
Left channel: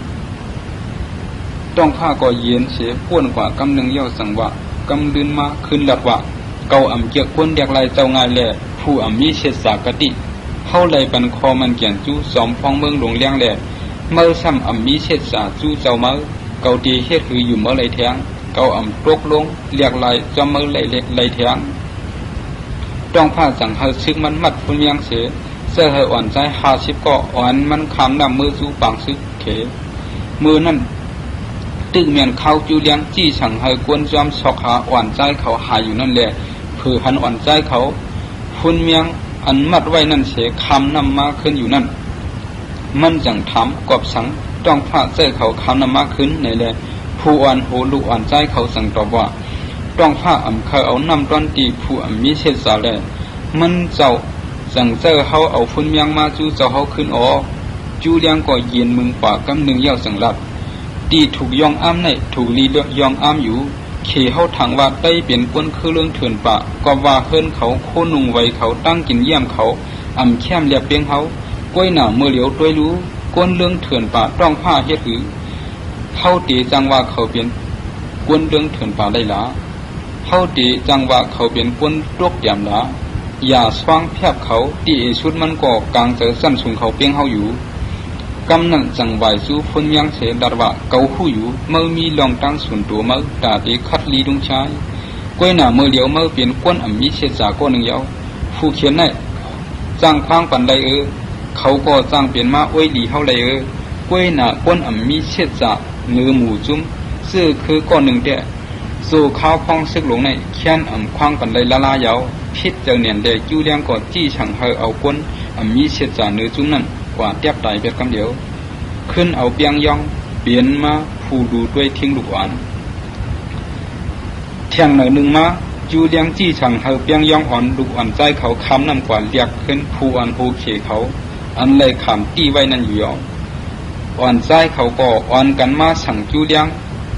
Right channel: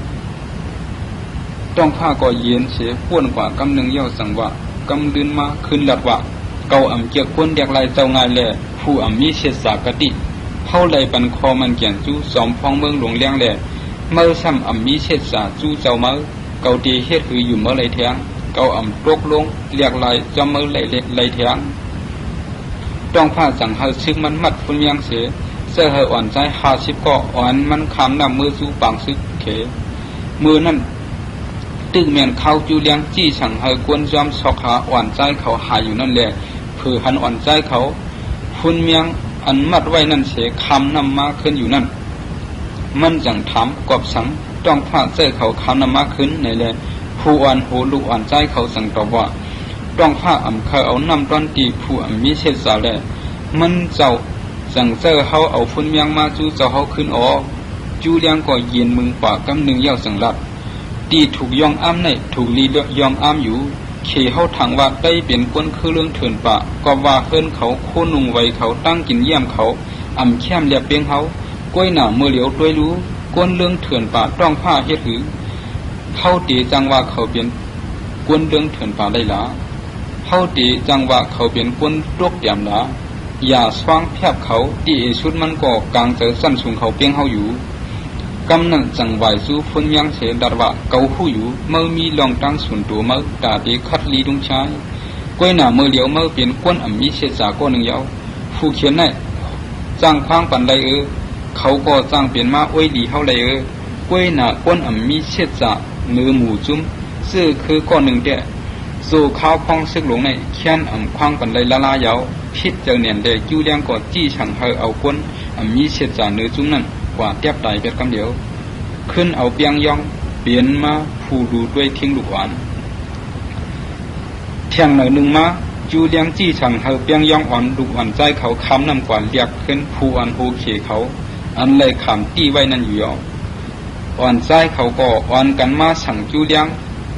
ต้องผ้าก็เย็นเสียป้วนกว่ากำหนึ่งเย่าสั่งว่ากำดินมาขึ้นหลับว่าเก่าอ่ำเกี่ยคนเด็กไรเจ้างานแลผู้อ่ำมีเศษสากติเข้าไหลปันคอมันเกี่ยงจู้สอมฟองเมืองหลวงเลี้ยงแลเมื่อซ้ำอ่ำมีเศษสาจู้เจ้าเมื่อเก่าตีเฮ็ดหืออยู่เมื่อไรแทงเก่าอ่ำตกลงเรียกไรจำเมื่อไรแทงต้องผ้าสั่งให้ซึกมันมัดพุ่นยังเสียเสื้อให้อ่อนใจ50ก็อ่อนมันคำนำมือจู้ปังซึกเขมือนั่นตึกเมียนเข้าจูเลี้ยงจี้สั่งให้กวนจอมสอกหาอ่อนใจเขาหายอยู่นั่นแหละคือหันอ่อนใจเขาพุ่นเมียงอันมัดไว้นั่นเสียคำนำมาขึ้นอยู่นั่นมันจังถามกอบสังต้องผ้าเสื้อเขาคำนำมาขึ้นในเลยผู้อ่อนหูลูกอ่อนใจเขาสั่งตอบว่าต้องผ้าอ่ำใครเอาน้ำต้นตีผู้อ่ำมีเศษสาแลมันเจ้าสั่งเสื้อเขาเอาพุ่นเมียงมาจูเจ้าเขาขึ้นอ๋อจูเลี้ยงก็ยืนมึงป่ากำหนึ่งยาวสังลับตีถูกยองอ้ามในถูกลีเลือกยองอ้ามอยู่เขี่เขาถังว่าได้เปลี่ยนก้นคือเรื่องเถื่อนปะก็ว่าเฮิรนเขาโคนุ่งไว้เขาตั้งกินเยี่ยมเขาอ่ำแค้มเรียบเพียงเขากล้วยหนาวเมื่อเหลียวตัวรู้ก้นเรื่องเถื่อนปะต้องผ้าเฮ็ดหือเข้าตีจังว่าเขาเปลี่ยนก้นเรื่องเถื่อนปะได้ละเข้าตีจังว่าเขาเปลี่ยนก้นตกเตี่ยมละอย่าสว่างแทบเขาตีชุดมันก็กลางเจอซ้ำสูงเขาเพียงเขาอยู่ กำนังจังไหวสู้ฝนยังเสดารวะเกาหูอยู่เมื่อมีลองตั้งส่วนตัวไม่ตาเดคัดลีดงชายก้อยหน้าเมื่อเดียวเมื่อเป็นก้นอ่ำมีเสียจากก้นหนึ่งเดียวผู้เขียนน่ะจ้างข้างปันใดเขาก็จ้างเปลี่ยนมาอ้อยดีเท่าไรก้อยหน้าก้นอ่ำมีเสียจากเนื้อหมูจุ้มเสื้อคือก้อนหนึ่งเดียวสู่ข้าวพังซึกหลงในเขียนอ่ำข้างปันใดละลายยาวพิษเจ้าเนียนเดจูเลี้ยงก็จี้ฉังให้เอาก้นอ่ำมีเสียจากเนื้อจุ้มนั่นกว่าเทียบตายเป็นกันเดียวขึ้นเอาเปียงยองเปลี่ยนมาผู้ดูด้วยทิ้งลูกอ่อนเที่ยงหน่อยหนึ่งมาจูเลี้ยงจี้ฉังให้เปียงยองอ่อนลูกอ่อนใจเขาคำนำกว่าเรียกขึ้นผู้อ่อนผู้เขี่ยเขาอันเลยขำตี้ไว้นั่นอยู่อ่อนใจเขาก็อ่อนกันมาสั่งจูเลี้ยง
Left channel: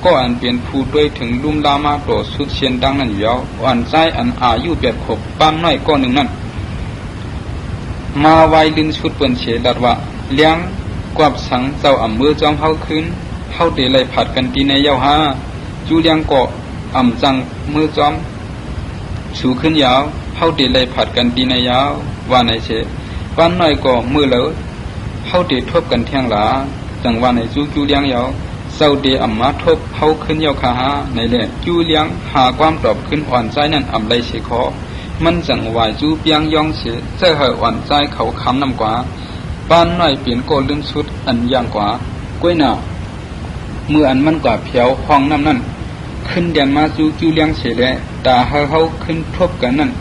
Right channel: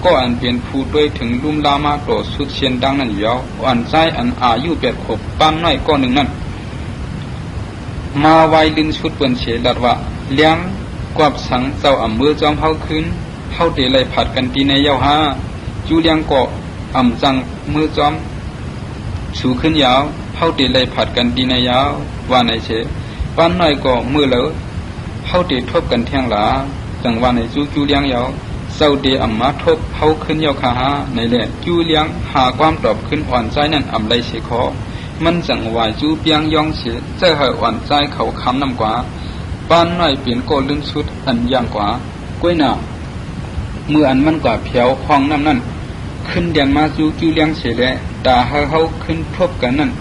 ก็อันเปลี่ยนผู้ด้วยถึงลุ่มดามาโดดสุดเชียนดังนั่นอยู่อ่อนใจอันอายุ8 ขวบปั้นน้อยก็หนึ่งนั่นมาไว้ดึงสุดเป็นเฉดัดว่าเลี้ยงกวบสังเจ้าอ่ำมือจอมเข้าขึ้นเข้าเตะเลยผัดกันตีในเย้าห้าจูเลี้ยงก็อ่ำจังมือจอมสูขึ้นยาวเข้าเตะเลยผัดกันตีในยาวว่าในเฉปั้นน้อยก็มือเหลอเข้าเตะทบกันแทงหลาจังว่าในจูเลี้ยงยาวเจ้าเดอ่ำมาทบเข้าขึ้นยาวขาในเล่จูเลี้ยงหาความตอบขึ้นอ่อนใจนั่นอ่ำเลยเฉคอมันจังวายจูเปียงยองเฉใจหอยอ่อนใจเขาคำนำกว่าบ้านน้อยเปลี่ยนโกลึงชุดอันย่างกว่าก้วยหน้าเมื่ออันมันกว่าเพียวห้องน้ำนั่นขึ้นเดียนมาจูเลี้ยงเสียแล้วแต่เขาขึ้นทบกันนั่น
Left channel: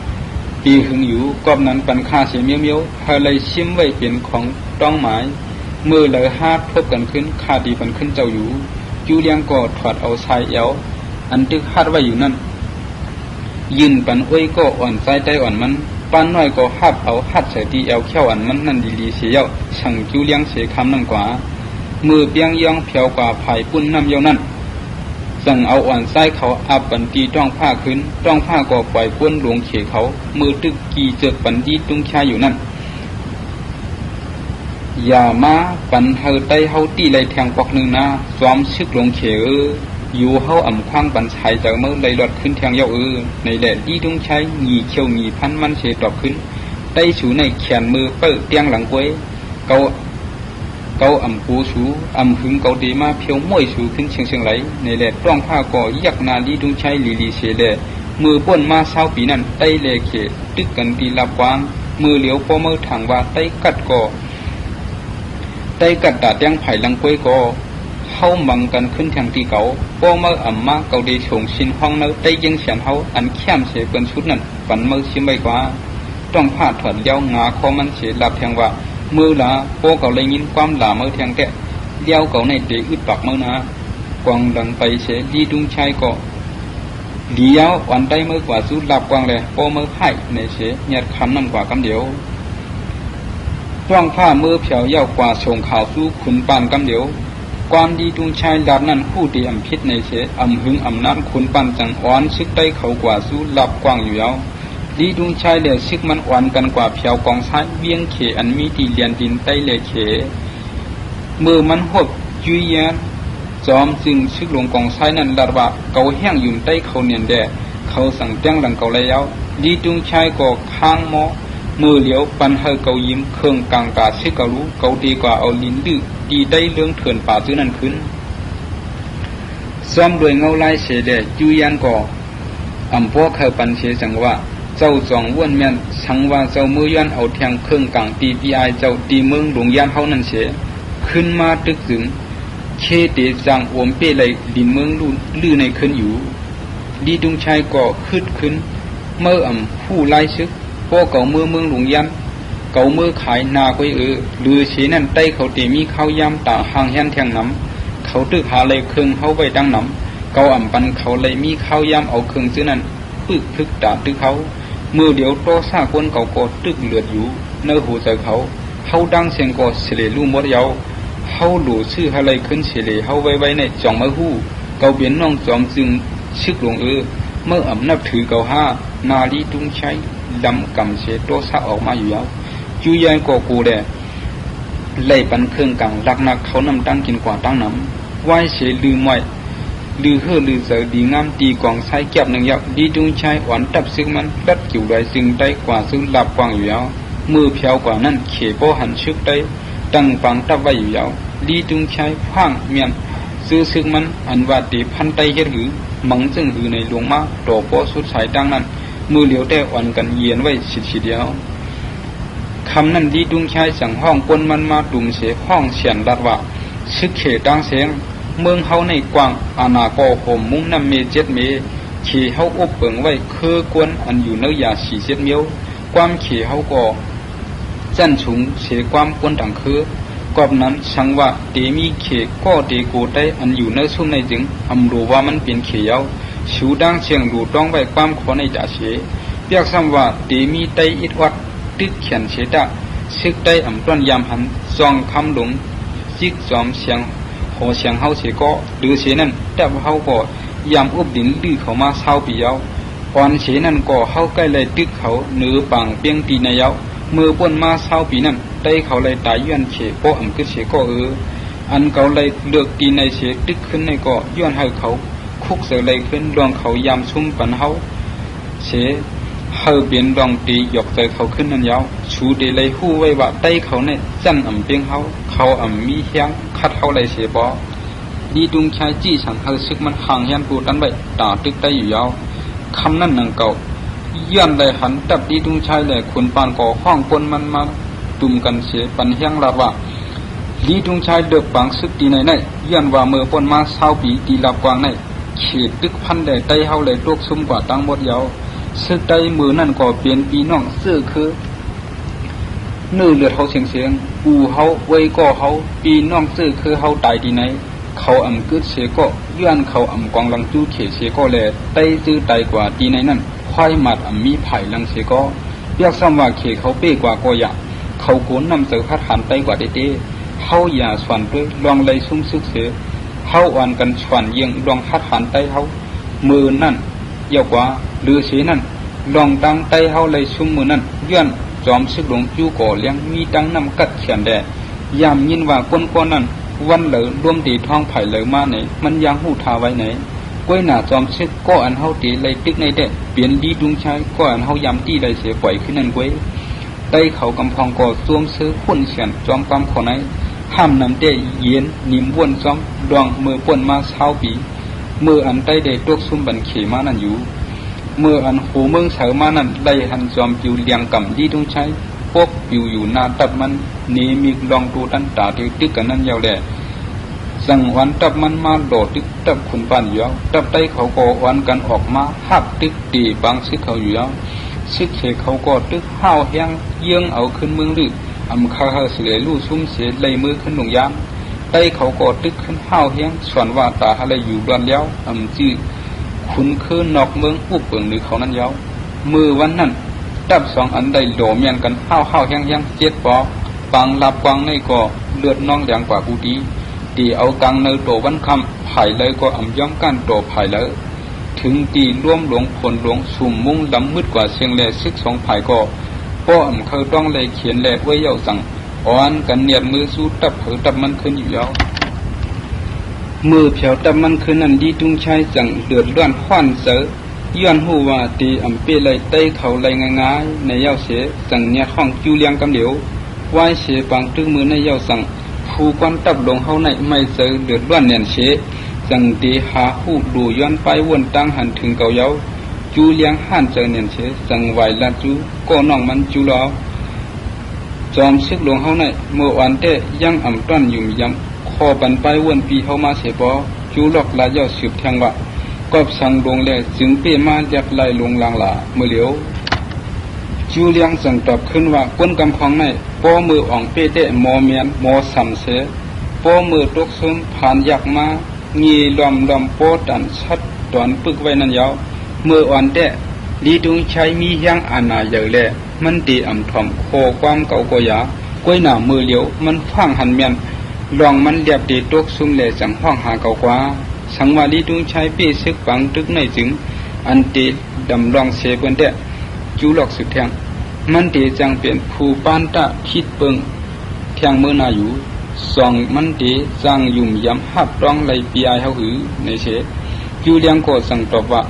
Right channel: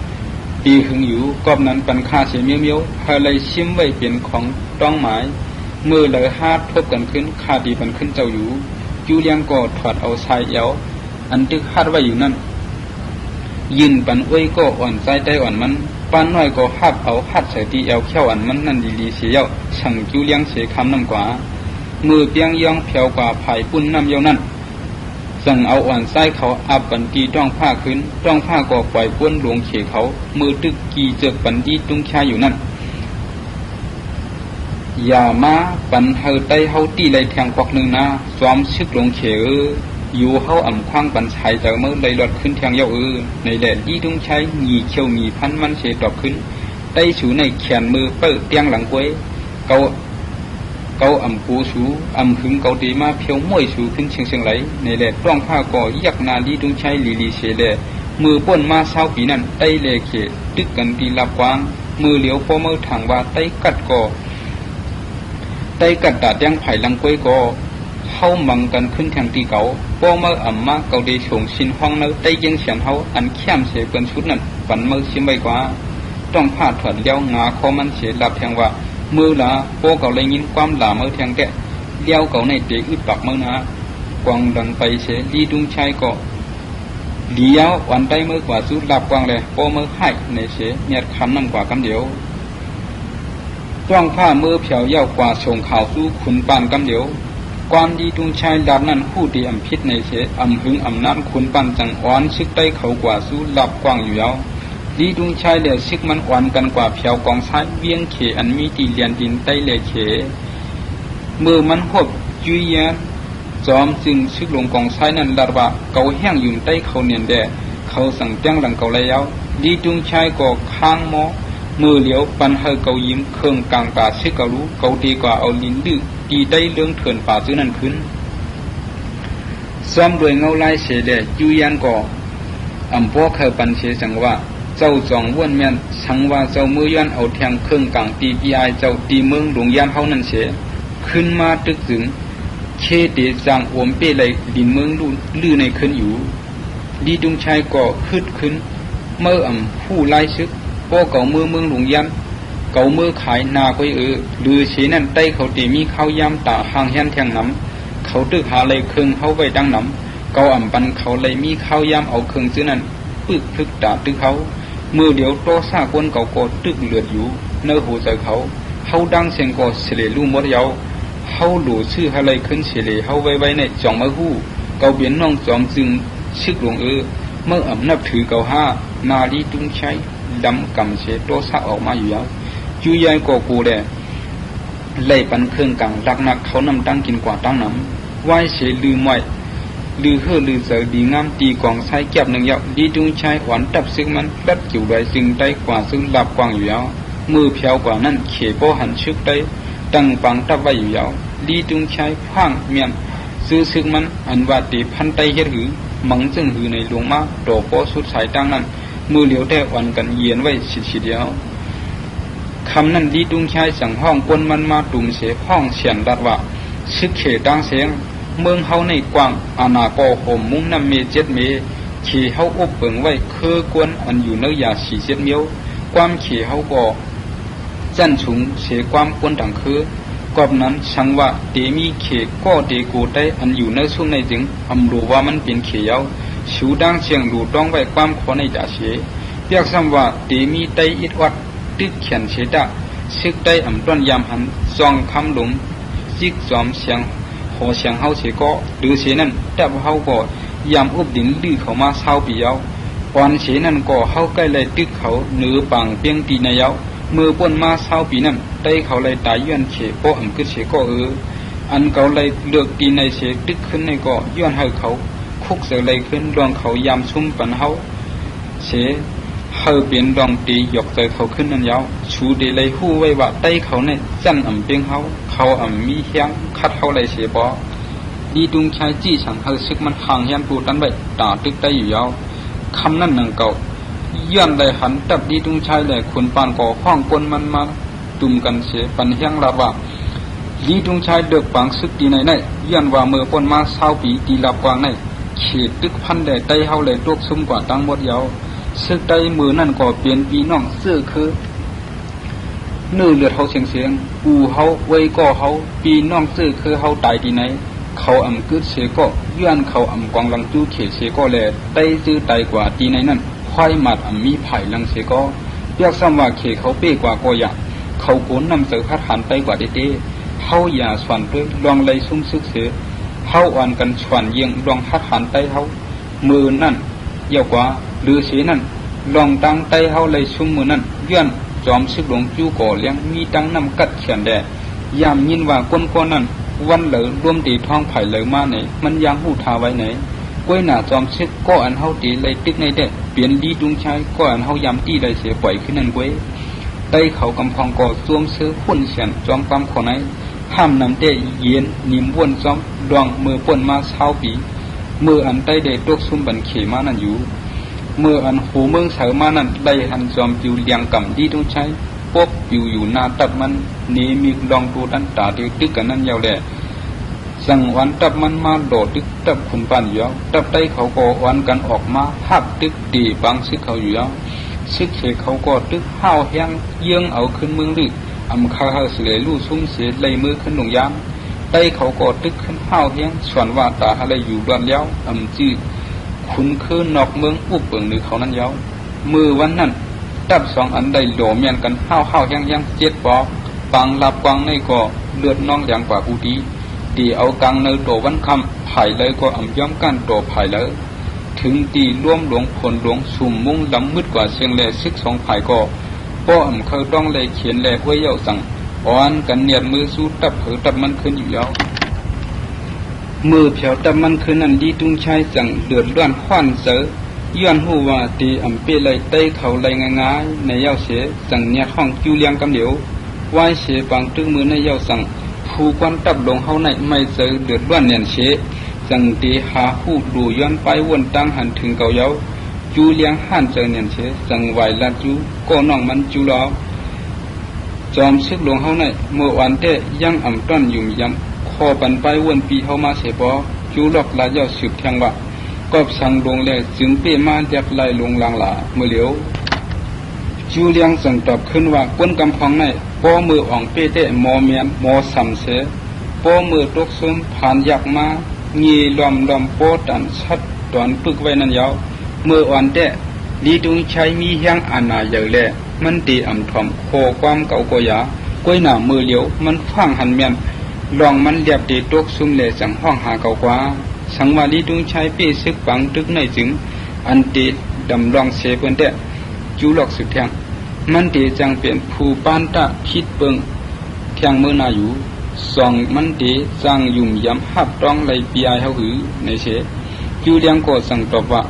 ปีหึงอยู่กอบนั้นปันคาเสียเมียวให้เลยชิมไว้เปลี่ยนของต้องหมายเมื่อเลยฮาดทบกันขึ้นคาดีปันขึ้นเจ้าอยู่จูเลี้ยงก็ถอดเอาชายเอวอันตึกฮาดไว้อยู่นั่นยินปันอ้อยก็อ่อนใจใจอ่อนมันป้านน้อยก็ฮัดเอาฮัดใส่ตีเอวเขี้ยวอันมันนั่นดีๆเสียวสั่งจูเลี้ยงเสียคันนั่นกว่ามือเปียงย่องเพียวกว่าไผ่ปุ้นน้ำเยานั่นสั่งเอาอ่อนใจเขาอาบปันตีต้องผ้าขึ้นต้องผ้าก็ปล่อยก้นหลวงเขียเขามือตึกกีเจ็ดปันตีตุ้งชาอยู่นั่นอย่ามาปันเฮาไตเฮาตีเลยแทงกวักหนึ่งนะซ้อมซึกหลวงเขียอยู่เฮาอ่ำคว้างปันชายแต่เมื่อเลยหลอดขึ้นแทงเยาในแดดยี่ตุ้งใช้หนีเขียวหนีพันมันเสียตอบขึ้นไตสูในแขนมือเปิดเตียงหลังกวยเกาอ่ำกูสูอ่ำถึงเกาดีมาเพียวม้วยสูขึ้นเชียงไหลในแดดต้องข้าก่อยักนาลีตุ้งใช้ลีเสียเลยมือป้นมาเศร้าปีนั้นไตเลเขตึกกันดีลับกวางมือเหลียวพอมือถังว่าไตกัดก่อไตกัดตาเตียงไผ่หลังกวยก่อเข้ามันกันขึ้นทางที่เก่าป้อเมื่ออ่ำมาเกาดีส่งชินห้องเนื้อได้ยังเฉียนเขาอันเข้มเสียเป็นชุดนั้นปันเมื่อชิมไปกว่าต้องพาดแถวเลี้ยวงาเขามันเสียหลับแทงว่ามือละป้อเก่าเลยยินความหลาเมื่อแทงเตะเลี้ยวเก่าในเตะอึดปักเมื่อนะกวางดังไปเสียดีดุงชายก็เลี้ยววันได้เมื่อกว่าชุดหลับกวางเลยป้อเมื่อให้ในเสียเงียบคำนั่นกว่าคำเดียวต้องข้ามือเผียวเย้ากว่าส่งข่าวสู้ขุนปานคำเดียวความดีตุงชายดาบนั้นผู้ดีอ่ำพิษในเสอ่ำหึงอ่ำน้ำขุนปันจังอ่อนซึกได้เขากว่าสู้หลับกว้างอยู่แล้วดีตุงชายเดือดซึกมันอ่อนกันกว่าเพียวกองซ้ายเวียงเขอันมีตีเลียนดินใต้เลเขมือมันหดจุยยันจอมจึงซึกหลวงกองซ้ายนั้นดาบะเกาแห้งอยู่ใต้เขาเนียนเดือเขาสั่งเตียงหลังเกาแล้วดีตุงชายก็ค้างหม้อมือเหลียวปันให้เกายิ้มเครื่องกลางกาซึกเการู้เกาดีกว่าเอาลิ้นดื้อดีได้เรื่องเถื่อนป่าตัวนั้นขึ้นซ้อมโดยเงาลายเสด็จจูยันก่ออ่ำพวกเขาปันเสจังว่าเจ้าจองว่นแม่นทั้งว่าเจ้ามือย้อนเอาแทงเครื่องกลางตีปีไอเจ้าตีเมืองหลวงยามเขานั่นเสขึ้นมาตึกถึงเชเตจางอวมเป้เลยดินเมืองลื่ในขึ้นอยู่ดีดุงชายก่อขึ้นเมื่ออ่ำผู้ไล่ซึกพวกเก่ามือเมืองหลวงยามเก่ามือขายนาไปหรือเสียน้ำใต้เขาตีมีข้าวยำตาห่างแห้งแทงน้ำเขาตึกหาเลยเครื่องเขาไว้ตั้งน้ำเก่าอ่ำปันเขาเลยมีข้าวยำเอาเครื่องซื้อนั้นตึกตาตึกเขามือเดียวโตซาคนเก่าก็ตึกเหลืออยู่ในหัวใจเขาดังเสียงก็เสลลุ่มมดเยาเขาหลู่ชื่ออะไรขึ้นเสลเขาไว้ในจ่องไม้หู้เก่าเบียนน้องจอมจึงชิกหลวงเมื่ออ่ำนับถือเก่าห้านาลีตุ้งใช้ดำกันเสียโตซาออกมาอยู่แล้วจูยายก็กูเด้ไล่ปันเครื่องกังรักนักเขานำตั้งกินกว่าตั้งหนังไหวเสียลืมไว้ลือเฮือลือเสือดีงามตีกองไส้แก็บหนึ่งยอดดีดุงชายหวานตับซึ่งมันรัดจิ๋วใดจึงได้กว่าซึ่งหลับกว่างอยู่แล้วมือเพียวกว่านั้นเขโปหันชึกได้ ตั้งฟังตับไว้อยู่ยาวลีตุงใช้ข้างเมียนซื้อซึกมันอันว่าตีพันไตเฮ็ดหือมังจึงหือในหลวงมาโตโปสุดสายตั้งนั้นมือเหลียวได้อ่อนกันเยียนไว้สิเดียวคำนั้นลีตุงใช้สั่งห้องปนมันมาตุ่มเสียข้องเฉียนดัดว่าซึกเขตังเสียงเมืองเฮาในกว้างอาณาโกโหมมุ้งน้ำเมเจ็ดเมขี่เฮาอบเปิงไว้คือกวนอันอยู่ในยาสีเจ็ดเมียวความขี่เฮาก็จันสูงเสียความปนดังคือกอบนั้นสังว่าเตมีเขก็เตโกไตอันอยู่ในสุนในจึงอำรู้ว่ามันเป็นเขียวสูดังเชียงดูต้องไว้ความขอในจ่าเสียเรียกคำว่าเตมีไตอิดวัดตึกเขียนเสียดาซึกไตอำต้นยามหันซองคำหลงจิกจอมเสียงโหเสียงเฮาเสียก็หรือเสียนั้นตับเฮาก็ยามอุบดินดื้อเข้ามาเศร้าปีเยาก่อนเสียนั้นก็เฮาใกล้เลยตึกเขาเนื้อปังเปียงปีในเยามือป่นมาเศร้าปีนั้นไตเขาเลยตายย้อนเฉก็อันก็เฉก็อันเขาเลยเลือกปีในเสียตึกขึ้นในก็ย้อนให้เขาคุกเสียเลยขึ้นดองเขายามชุ่มปันเฮาเสียเฮาเปลี่ยนดองตีหยกเกยเขาขึ้นนั่นเยาชูเดเลยหู้ไว้ว่าไตเขาเนี่ยจันอ่ำเปียงเขาอ่ำมีเฮียงคัดเขาเลยเสียบ่ดีดุงชายจี้ฉันให้ซึกมันห่างเฮียนกูตั้งแบบตาตึกไตอยู่ยาวคำนั้นหนึ่งเก่าย้อนได้หันตับดีดุงชายเลยคนปานก่อห้องคนมันมาตุ่มกันเสียปันเฮียงรัดว่าดีดุงชายเดือดปังซึกตีในย้อนว่าเมื่อคนมาเศร้าปีตีลับกวางในเขียดตึกพันเลยไตเขาเลยตกซุ่มกว่าตั้งหมดยาวซึกไตมือนั่นก็เปลี่ยนปีน้องเสื้อคือเนื้อเลือดเขาเสียงกูเขาไว้ก็เขาปีน้องเสื้อคือเขาตายที่ไหนเขาอ่ำกึศเสียก็ย้อนเขาอ่ำกองลังตู้เขเสียก็เลยไปซื้อไตกว่าที่ไหนนั่นควายหมัดอ่ำมีไผ่ลังเสียก็เรียกซ้ำว่าเขเขาเป้กว่าก็อยากเขาโกนนำเสือพัดหันไปกว่าเต้เขาอย่าสวนเพื่อลองเลยซุ่มซึกเสือเขาอ่อนกันสวนเยียงลองพัดหันไปเขามือนั่นเยาวกว่าหรือเสียนั่นลองตั้งไตเขาเลยซุ่มมือนั่นย้อนจอมซึกหลงจู้ก่อเลี้ยงมีตั้งน้ำกัดเขียนแดดยามยินว่าก้นก้อนนั้นวันเลยร่วมตีท้องไผ่เลยมาเนี่ยมันยังหูทาไว้เนี่ยก้อยหนาจอมซึกก็อันเฮาตีเลยตึกในเด็กเปลี่ยนดีดุงชายก็อันเฮายำตีเลยเสียปล่อยขึ้นนั่นก้อยไต้เขากำพองก่อซวมซื้อขุ่นเขียนจอมกำคนไหนห้ามนำเตะเย็นนิ่มวนจอมดองมือป่นมาเช้าปีมืออันใต้เด็กตกซุ่มบันเขมานั่นอยู่เมื่ออันหูเมืองเฉามานั่นได้หันจอมปิวเลียงกำดีดุงชายพวกอยู่นาตับมันนี้มีลองดูตั้งตาดูติกันนั่นยาวแหละสั่งวันตับมันมาโดดตึกตับขุนปันอยู่ตับไตเขาก็วันกันออกมาหับตึกตีปังซึกเขาอยู่ซึกเขเขาก็ตึกห้าวแห้งเยี่ยงเอาขึ้นเมืองลึกอำข้าวเสือลู่ซุ้มเสียเลยมือขึ้นหลงยามไตเขาก็ตึกขึ้นห้าวแห้งส่วนว่าตาอะไรอยู่แดนเลี้ยวอำจี้ขุนคืนนอกเมืองอุบเปิงในเขานั้นยาวมือวันนั้นตับสองอันได้โหลมยังกันห้าวแห้งเจ็ดปอปังลับกวางในก็เลือดน้องแดงกว่าอุดีตีเอากังในโตวันคำไผ่เลยก็อ่ำย้อมกันโตไผ่เลยถึงตีร่วมหลวงผลหลวงสุ่มมุ่งดำมืดกว่าเชียงแหลซึกสองไผ่ก็พ่ออ่ำเคยต้องเลยเขียนแหลไว้เย้าสั่งอ่อนกันเนียดมือสู้ตับเผยตับมันขึ้นอยู่แล้วมือเผียวตับมันขึ้นนั่นดีจุงชายสั่งเดือดร้อนฟันเสือย้อนหูว่าตีอ่ำเปเลยเต้เขาเลยง่ายในเย้าเสียสั่งเนี่ยห้องจูเลียงกันเดี๋ยวไหวเสียปังตึกมือในเย้าสั่งผู้กวนตับลงเฮาในไม่เสือเดือดร้อนเนียนเสียจังตีหาหูดูย้อนไปวนตั้งหันถึงเกาเยาจูเลี้ยงหันเจอเนียนเสียจังไหวละจูก็น้องมันจูลอจอมซึกลงเฮาในเมื่อวันเตยังอ่ำต้อมอยู่ยังคอปันไปวนปีเฮามาเสียบ่จูหลอกลายเยาสืบแทงว่ากอบสั่งลงเลยจึงเป้มาจากไล่ลงลางหลาเมื่อเหลียวจูเลี้ยงส่งตอบขึ้นว่าก้นกำพองในป้อมืออ่องเป้เตะมอเมียนมอสันเสป้อมือตกซุ่มผ่านยักมามีลอมโปตันชัดตอนปึกไว้นั่นยาวเมื่ออ่อนเตะลีตุงใช้มีเฮียงอาณาใหญ่เลยมันตีอ่ำถ่อมโคความเก่าก็ยาก้อยหน้ามือเหลียวมันข้างหันเมียนลองมันเรียบตีตกซุ่มเลยสั่งห้องหาเก่ากว่าสังวาลีตุงใช้เป้ซึกปังตุกในจึงอันตีดำลองเสเป็นเตะจูหลอกสุดแทงมันตีจังเปลี่ยนผู้ปานตะคิดเปิงแทงมือนาอยู่สองมันตีจังยุ่มยำหับต้องเลยปีไอเขาหือในเชจูเลียงก็สั่งตอบว่า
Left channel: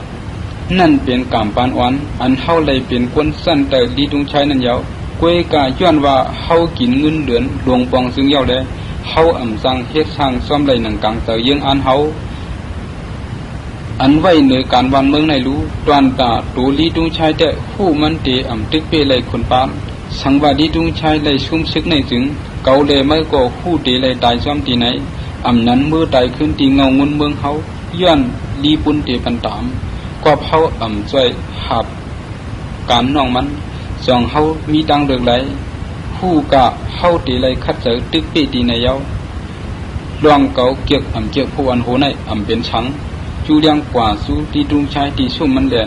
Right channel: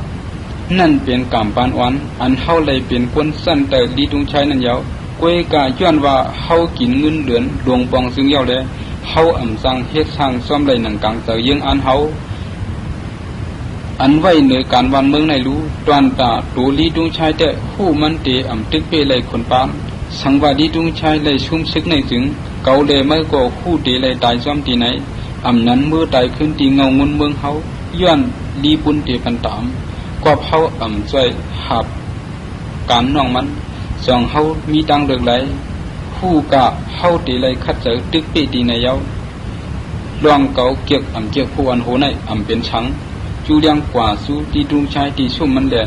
นั่นเป็นการปานวันอันเฮาเลยเป็นคนเส้นแต่ดีตุงชายนั่นยาว กวยกาย้อนว่าเฮากินเงินเดือนดวงปองซึ่งเยาเลยเฮาอ่ำจังเฮ็ดทางซ่อมได้หนังกังแต่ยังอันเฮาอันไว้ในการวันเมืองในรู้ตอนป่าตูลีดุงชายแต่ผู้มันเตอ่ำตึกเปเลยคนปานสังวาดีดุงชายเลยซุ่มซึกในถึงเกาเลยไม่ก็คู่เตเลยตายซ้ำตีไหนอ่ำนั้นมือตายขึ้นตีเงาเงินเมืองเฮาย้อนลีปุนเตปันตามก็เฮาอ่ำจ่อยหับการน้องมันสองเฮามีดังเดือดไหลผู้กะเฮาเตเลยคัดใจตึกเปตีในเยาลองเกาเก็บอ่ำเก็บผู้อันโหในอ่ำเป็นชังจูเลียงกว่าสู้ที่ดุงชายที่สุ่มมันแหละ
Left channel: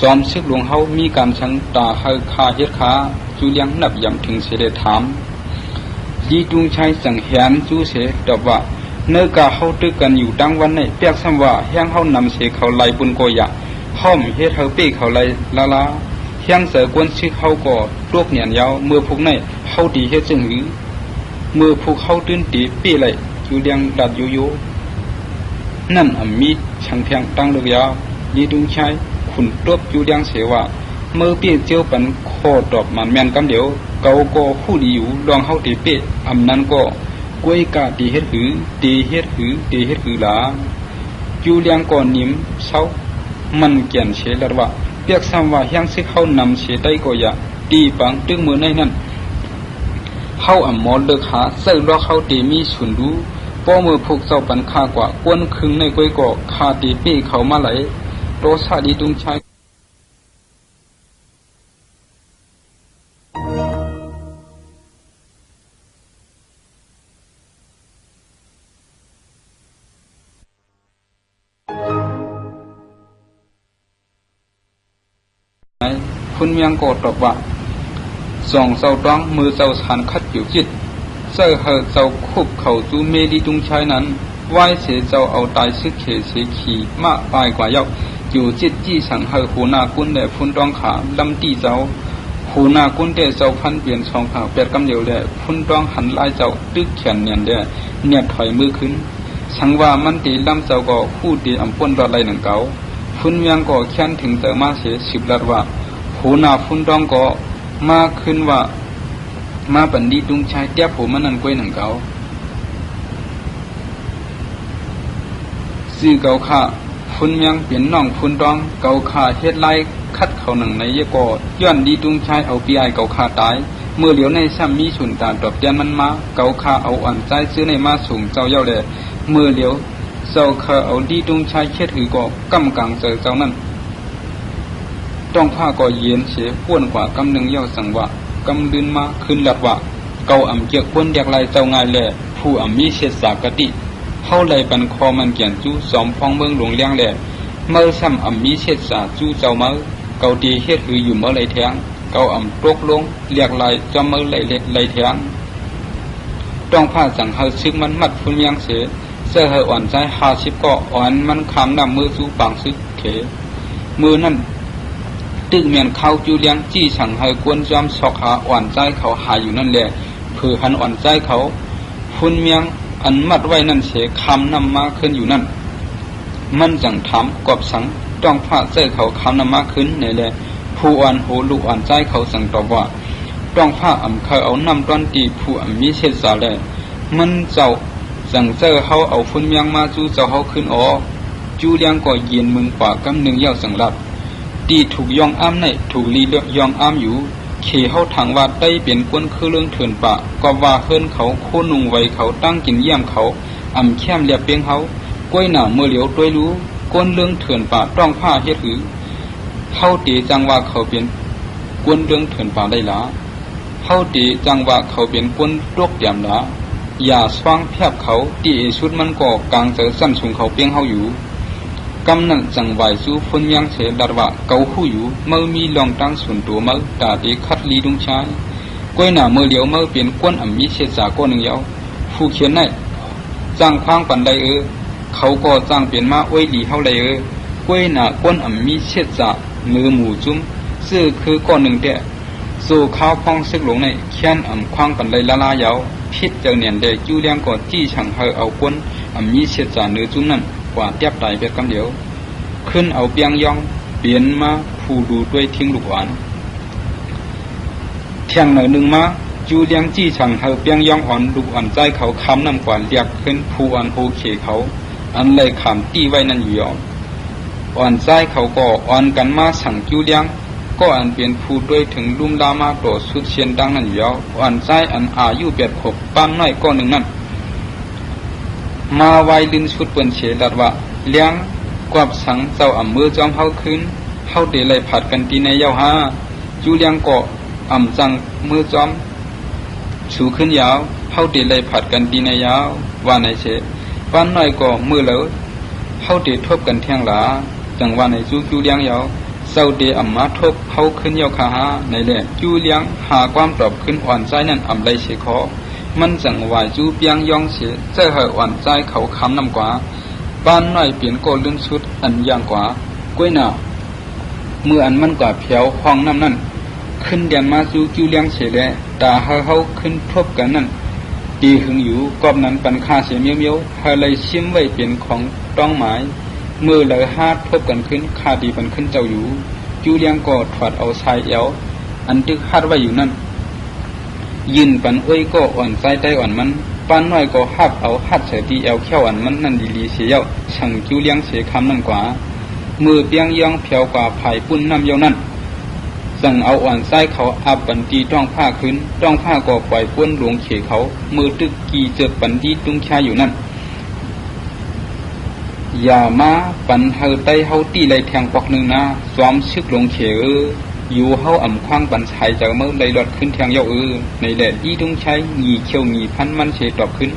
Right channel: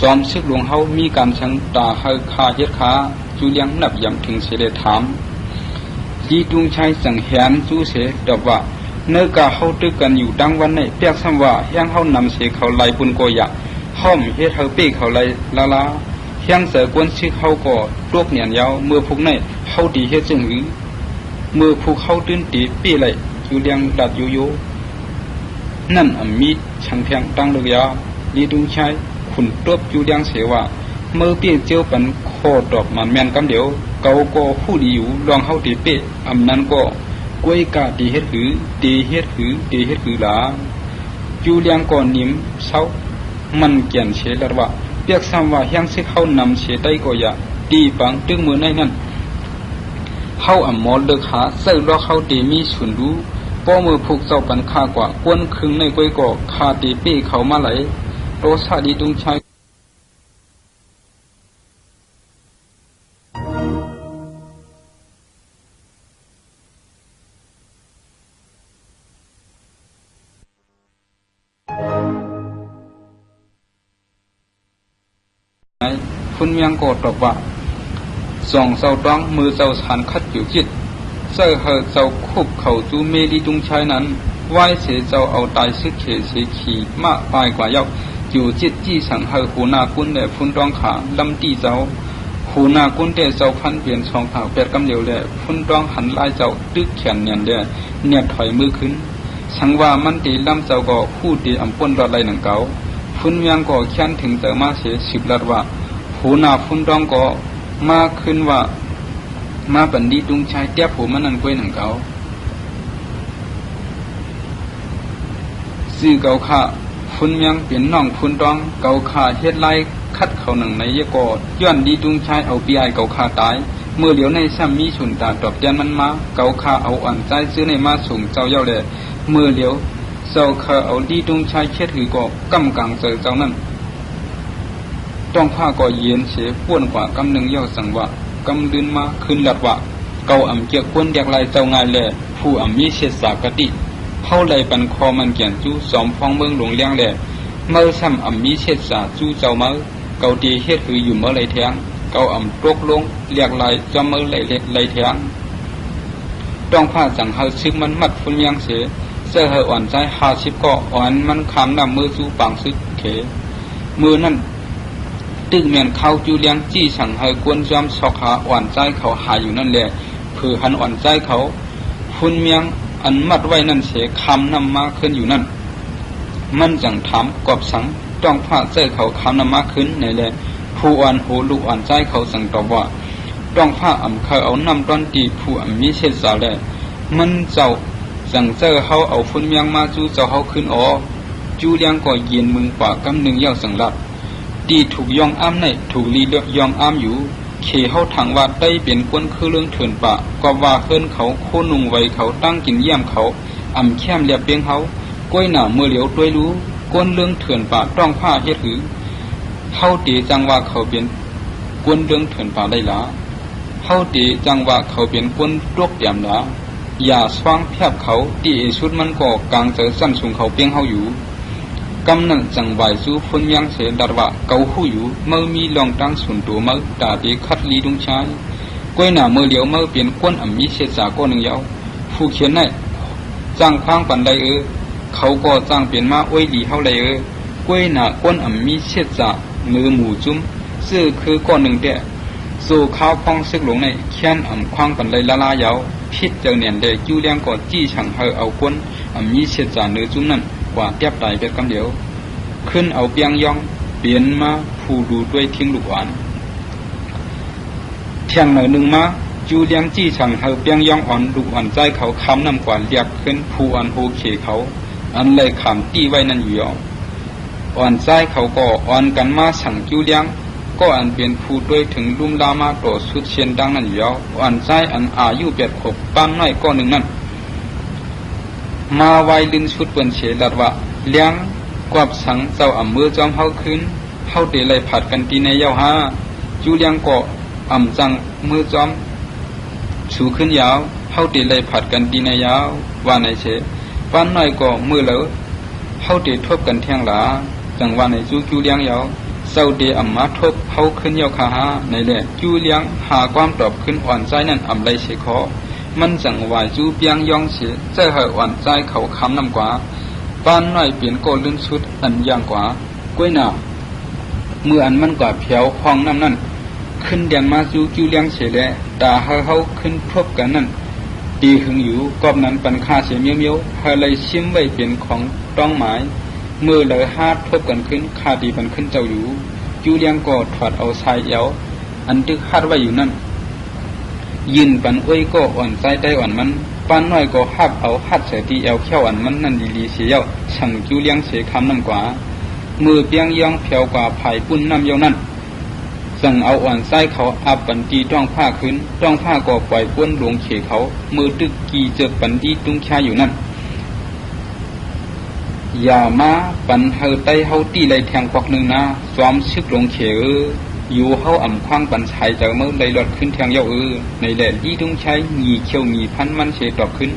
ซ้อมซึกหลวงเฮามีการชังตาให้คาเฮ็ดขาจูเลียงนับยำถึงเสด็จถามดีดุงชายสังเหียนจูเสตอบว่าเมื่อกะเฮาตึกกันอยู่ดังวันในเปียกซ้ำว่ายังเฮานำเสเขาไล่ปุนโกยะห้อมเฮ็ดเฮาเป้เขาไล่ลาเฮียงเสกวนซึกเฮาก็ตวกเหนียนยาวเมื่อพวกในเฮาดีเฮ็ดจึงหรือเมื่อพวกเฮาตื้นตีเป้ไล่จูเลียงดัดโยนั่นมีช่างเพียงตั้งเรียดีดุงชายขุนตบจูเลียงเสว่าเมื่อเปี้ยเจียวปันโคดอกมันแมนกันเดียวเกาก็คู่ดีอยู่ลองเฮาตีเป้อำนั้นก็กล้วยกาตีเฮ็ดหือตีเฮ็ดหือตีเฮ็ดหือหลาจูเลียงก็นิ่มเศร้ามันเกี่ยนเสลว่าเปียกซ้ำว่ายังสิเขานำเสได้ก็อย่าตีปังตึงมือในนั้นเฮาอ่ำหมอเลิกหาเสื้อล้อเฮาตีมีสุนดูป้อมือผูกเจ้าปันค่ากว่ากวนคึงในก้อยก่อคาตีปี้เขามาไหลโตซาดีดุงชายคุณเมียงก็ตอบว่าสองเจ้าต้องมือเจ้าสามคัดอยู่จิตเจ้าเฮาเจ้าคุบเขาจูเมดีดุงชายนั้นไหว้เสียเจ้าเอาตายซึกเขเสียขี่มาตายกว่าเย้าอยู่จิตที่สั่งให้หูนากุนแด่ฟุนต้องขาลำตีเจ้าหูนากุนแด่เจ้าพันเปลี่ยนช่องเขาเป็ดกำเหลวเลยฟุนต้องหันไล่เจ้าตึกแขนเนียนแด่เนียบไถมือขึ้นสังว่ามันตีลำเจ้าก็ผู้ตีอ่ำป้นรอดไรหนึ่งเก่าฟุนยังก็แค้นถึงแต่มาเสียสิบลัดว่าหูนาฟุนต้องก็มาขึ้นว่ามาบันดีดุงชายเตี้ยผมมันนั่งก้อยหนึ่งเก่าสื่อเก่าค่ะคุณยังเปลี่ยนน้องคุณต้องเก่าขาเฮ็ดไล่คัดเขาหนึ่งในยกอย้อนดีดุงชายเอาปีไอเก่าขาตายเมื่อเหลียวในซ้ำมีฉุนตาตอบแก้มันมาเก่าขาเอาอ่อนใจซื้อในมาสูงเจ้าเย้าเลยเมื่อเหลียวเจ้าขาเอาดีดุงชายเช็ดหือก็กำกังใจเจ้านั่นต้องข้าก็เย็นเสียพ้วนกว่ากำหนึ่งเย้าสั่งว่ากำดินมาขึ้นหลับว่าเก่าอ่ำเกียกควนอยากไล่เจ้าง่ายเลยผู้อ่ำมีเศษสากติเข้าเลยปันคอมันเกี่ยงจู้สอมฟองเมืองหลงเลี้ยงเลยเมื่อซ้ำอ่ำมีเศษสาจู้เจ้าเมื่อเก่าดีเฮ็ดหืออยู่เมื่อไรแทงเก่าอ่ำตกลงเรียกไล่จำเมื่อไรแทงต้องข้าสั่งให้ซึกมันมัดคุณยังเสียเสื้อให้อ่อนใจ50ก็อ่อนมันคำนำมือจู้ปังซึกเถมือนั่นตึกเมียนเข้าจูเลี้ยงจี้สั่งให้กวนจอมสอกหาอ่อนใจเขาหาอยู่นั่นแหละคือหันอ่อนใจเขาคุณเมียงอันมัดไว้นั่นเสียคำนำมาขึ้นอยู่นั่นมันจังถามกอบสังต้องพาใจเขาคำนำมาขึ้นในเลยผู้อ่อนหูลูกอ่อนใจเขาสั่งตอบว่าต้องพาอ่ำเคยเอาน้ำต้นตีผู้อ่ำมีเชษสาเลยมันเจ้าสั่งเจ้าเขาเอาคุณเมียงมาจูเจ้าเขาขึ้นอ๋อจูเลี้ยงก็เย็นมึงป่ากำหนึ่งยาวสังลับตีถูกยองอ้ำในถูกลีเล็บยองอ้ำอยู่เขี่เขาถังว่าได้เป็นก้นคือเรื่องเถื่อนปะก็ว่าเฮิรนเขาโคนุ่งไว้เขาตั้งกินเยี่ยมเขาอ่ำแค้มเรียบเพียงเขากล้วยหนาวเมื่อเหลียวตัวรู้ก้นเรื่องเถื่อนปะต้องผ้าเฮ็ดหือเขาตีจังว่าเขาเป็นก้นเรื่องเถื่อนปะได้หลาเขาตีจังว่าเขาเป็นก้นตกเตียมหลาอย่าสว่างแทบเขาตีสุดมันก็กลางเจอซ้ำสูงเขาเพียงเขาอยู่กำหนังจังไหวสู้คนยังเสียดารว่าเกาหูอยู่เมื่อมีลองตั้งส่วนตัวไหมตาดีคัดลีดุงชายก้อยหนาเมื่อเดียวเมื่อเปลี่ยนก้นอ่ำมีเศษสาก้อนหนึ่งเดียวผู้เขียนได้จ้างข้างปันใดเขาก็จ้างเปลี่ยนมาไว้ดีเท่าไรก้อยหนาก้นอ่ำมีเศษสาเนื้อหมูจุ้มเสื้อคือก้อนหนึ่งเดียวสู่ข้าวพองซึกหลงในเขียนอ่ำข้างปันใดละลายยาวพิษเกินเนียนเดจูเลี้ยงก็จี้ฉังให้เอาก้นอ่ำมีเศษสาเนื้อจุ้มนั่นกว่าเทียบตายไปกันเดียวขึ้นเอาเปียงยองเปลี่ยนมาผู้ดูด้วยทิ้งลูกหวาน เพียงหน่อยหนึ่งมาจูเลียงจี้สั่งเขาเปียงย่องอ่อนดุอ่อนใจเขาคำน้ำกว่าเรียกขึ้นผู้อันโอเคเขาอันเลยขำตี้ไว้นั่นอยู่อ่อนใจเขาก็อ่อนกันมาสั่งจูเลียงก็อันเป็นผู้ด้วยถึงลุงดามาโตสุดเชียนดังนั่นอยู่อ่อนใจอันอายุ86ปั้นน้อยก็หนึ่งนั่นมาไว้ดึงสุดเป็นเฉลัดว่าเลี้ยงกวบสังเจ้าอ่ำมือจอมเขาขึ้นเขาเดลัยผัดกันปีในเย้าห้าจูเลียงก็อ่ำจังมือจอมสูขึ้นยาวเขาเดลัยผัดกันปีในยาวว่าในเฉปั้นน้อยก็มือเหลอเขาเดทบกันแทงหลาแต่ว่าในจูเลี้ยงยาวเจ้าเดอ่ำมาทบเขาขึ้นเย้าขาในเรื่องจูเลี้ยงหาความตอบขึ้นอ่อนใจนั่นอ่ำไรเฉคอมันจังวายจูเปียงยองเสียใจหอยอ่อนใจเขาคำน้ำกว่าบ้านน้อยเปลี่ยนโกลื่นชุดอันยางกว่ากล้วยหน่าเมื่ออันมันกว่าเพียวห้องน้ำนั่นขึ้นเดียนมาจูเลี้ยงเสียแล้วแต่เขาขึ้นพบกันนั่นปีหึงอยู่กอบนั้นปันค่าเสียเมียวๆเขาเลยชิมไว้เป็นของต้องหมายเมื่อเลยฮาดพบกันขึ้นค่าดีปันขึ้นเจ้าอยู่จูเลี้ยงก็ถอดเอาชายเอวอันตึกฮาดไว้อยู่นั่นยินปันก็อ่อนใจได้อ่อนมันป้านน้อยก็ฮับเอาฮับเสียทีเอวเขี้ยวอันมันนั่นดีเสียสั่งจูเลี้ยงเสียคำนั่นกว่ามือเปียงย่องเพียวกว่าไผ่ปุ้นน้ำเยานั่นสั่งเอาอ่อนใจเขาอับปันตีต้องผ้าขึ้นต้องผ้าก็ปล่อยก้นหลวงเขียเขามือตึกกีเจ็ดปันดีตุ้งชาอยู่นั่นอย่ามาปันเฮาไตเฮาตีเลยแทงปอกหนึ่งนะซ้อมซึกหลวงเขียอยู่เฮาอ่ำคว้างปันชายแต่เมื่อเลยหลดขึ้นแทงเยาในแหล่ยี่ตุ้งใช้หนีเขี้ยวหนีพันมันเสียตอบขึ้น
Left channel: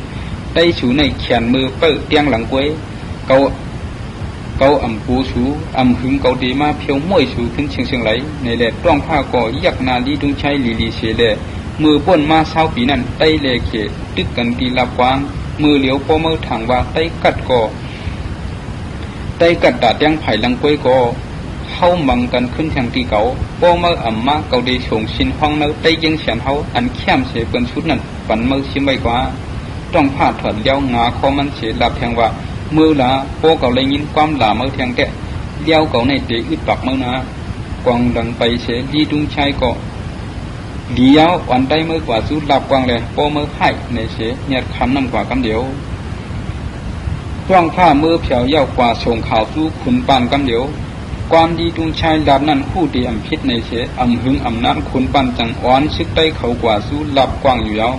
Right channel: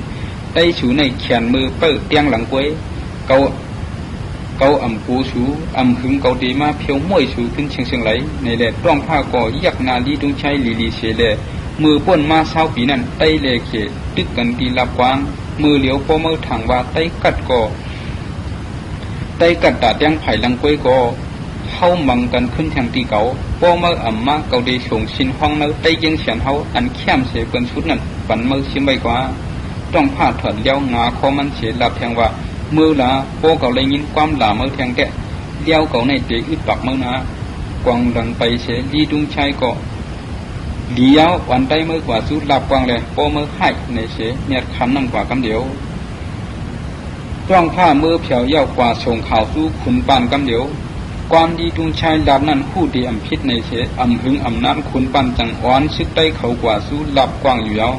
ไตสูในแขนมือเปิดเตียงหลังกวยเกาอ่ำปูสูอ่ำหึงเกาดีมาเพียวม้วยสูขึ้นเชียงไหลในแหล่ต้องผ้าก่อยักนาลีตุ้งใช้ลีเสียแหล่มือป้นมาเช้าปีนั้นไตเลเขตึกกันตีลับกวางมือเหลียวพอมือถังว่าไตกัดก่อไตกัดดาดยังไผ่หลังกวยก่อเข้ามันกันขึ้นทางตีเก่าป้อเมื่ออ่ำมาเกาดีส่งชินห้องเมื่อไตยังเฉียนเขาอันเข้มเสียเป็นชุดนั้นฝันเมื่อชิมไว้กว่าต้องผ้าถอดเลี้ยวงาคอมันเสียหลับแทงว่ามือละโป้เก่าเลยยินความด่าเมื่อแทงแต่เลี้ยวเก่าในเตะอึดปักเมื่อนะกวางดังไปเสียยีดุงชายก็เลี้ยวอ่อนไตเมื่อกว่าชุดหลับกวางเลยป้อเมื่อให้ในเสียเน็ตคันนั่นกว่าคำเดียวต้องผ้ามือเผียวเย้ากว่าส่งข่าวสู้ขุนปานคำเดียวความดีตุงชายดับนั้นผู้ดีอ่ำพิษในเสอ่ำหึงอ่ำน้ำคุณปั้นจังอ่อนซึกได้เขากว่าสู้หลับกว้างอยู่แล้ว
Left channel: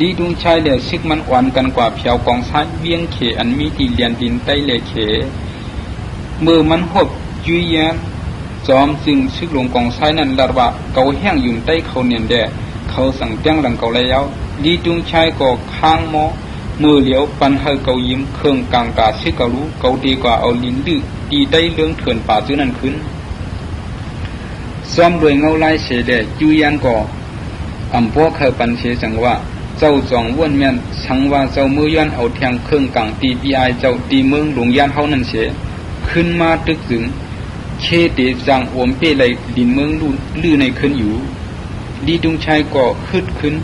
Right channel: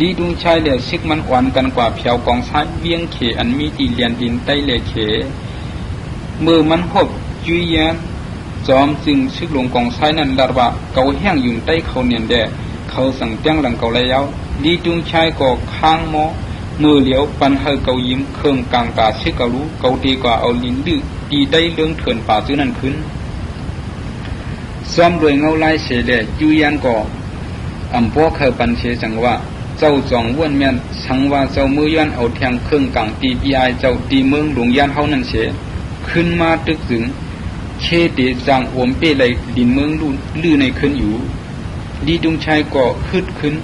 ดีตุงชายเดือดซึกมันอ่อนกันกว่าเพียวกองซ้ายเวียงเขอันมีตีเลียนดินใต้เลเขเมื่อมันหวบยุยยานจอมจึงซึกลงกองซ้ายนั้นดัดว่าเกาแห้งอยู่ใต้เขาเนียนเดือเขาสั่งเตียงหลังเกาแล้วดีตุงชายก็ข้างหม้อมือเหลียวปันให้เกายิ้มเครื่องต่างกาซึกเการู้เกาดีกว่าเอาลิ้นดื้อตีได้เรื่องเถื่อนป่าตัวนั้นขึ้นซ้อมโดยเงาลายเสด็จจูยันก่ออ่ำพวกใครปันเสสังว่าเจ้าจองว่นเมียนสังว่าเจ้ามือยันเอาแทงเครื่องกลางตีปีไอเจ้าตีเมืองหลวงยันเขานั่นเสขึ้นมาตึกถึงเชติจังอมเป้เลยดินเมืองลื่ในขึ้นอยู่ดีดุงชัยก่อขึ้น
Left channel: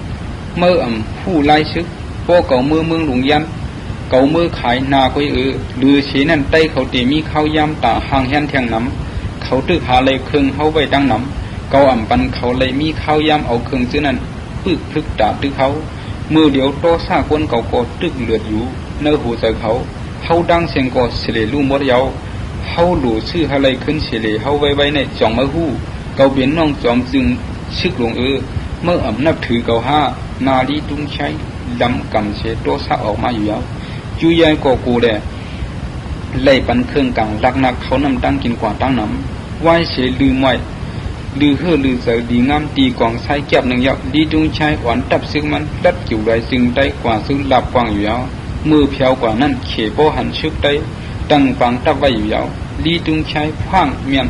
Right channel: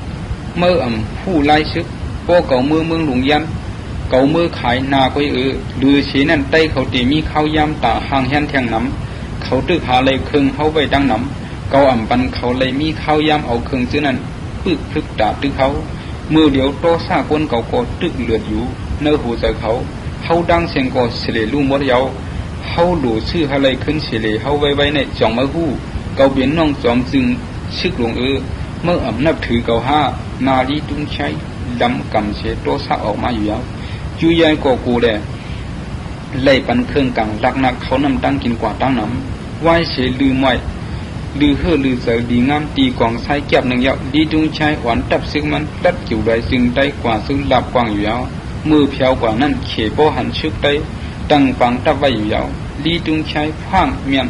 เมื่ออ่ำผู้ไล่ซึกพวกเก่ามือเมืองหลวงยันเก่ามือขายนาไปดูเสียนั่นใต้เขาตีมีข้าวยำตาห่างแห่นแทงน้ำเขาตึกหาเลยเครื่องเขาไว้ตั้งน้ำเก่าอ่ำปันเขาเลยมีข้าวยำเอาเครื่องซื้อนั่นตึกตาตึกเขามือเดียวโตซาคนเก่าก็ตึกเหลืออยู่เนื้อหูใจเขาดังเสียงก็เสลีลู่มดเยาเขาหลู่ชื่อเขาเลยขึ้นเสลีเขาไว้ในจ่องมะฮู้เก่าเบียนน้องจอมจึงชิกหลวงเมื่ออ่ำนับถือเก่าห้านาลีตุ้งใช้ดำกันเสียโตซาออกมาอยู่จูยายก็กูเลยไล่ปันเครื่องกลางรักนักเขานำตั้งกินกว่าตั้งน้ำไหวเสียลืมไว้ลือเฮือลือเสียวดีงามตีกองใช้เก็บหนึ่งยอดดีดุงชายหวานตับซึ่งมันรัดจิ๋วไว้จึงได้กว่าซึ่งหลับกว่างอยู่มือเพียวกว่านั้นเขโปหันชึกได้ตั้งฟังตับไว้อยู่ดีดุงชายคว้างเมียน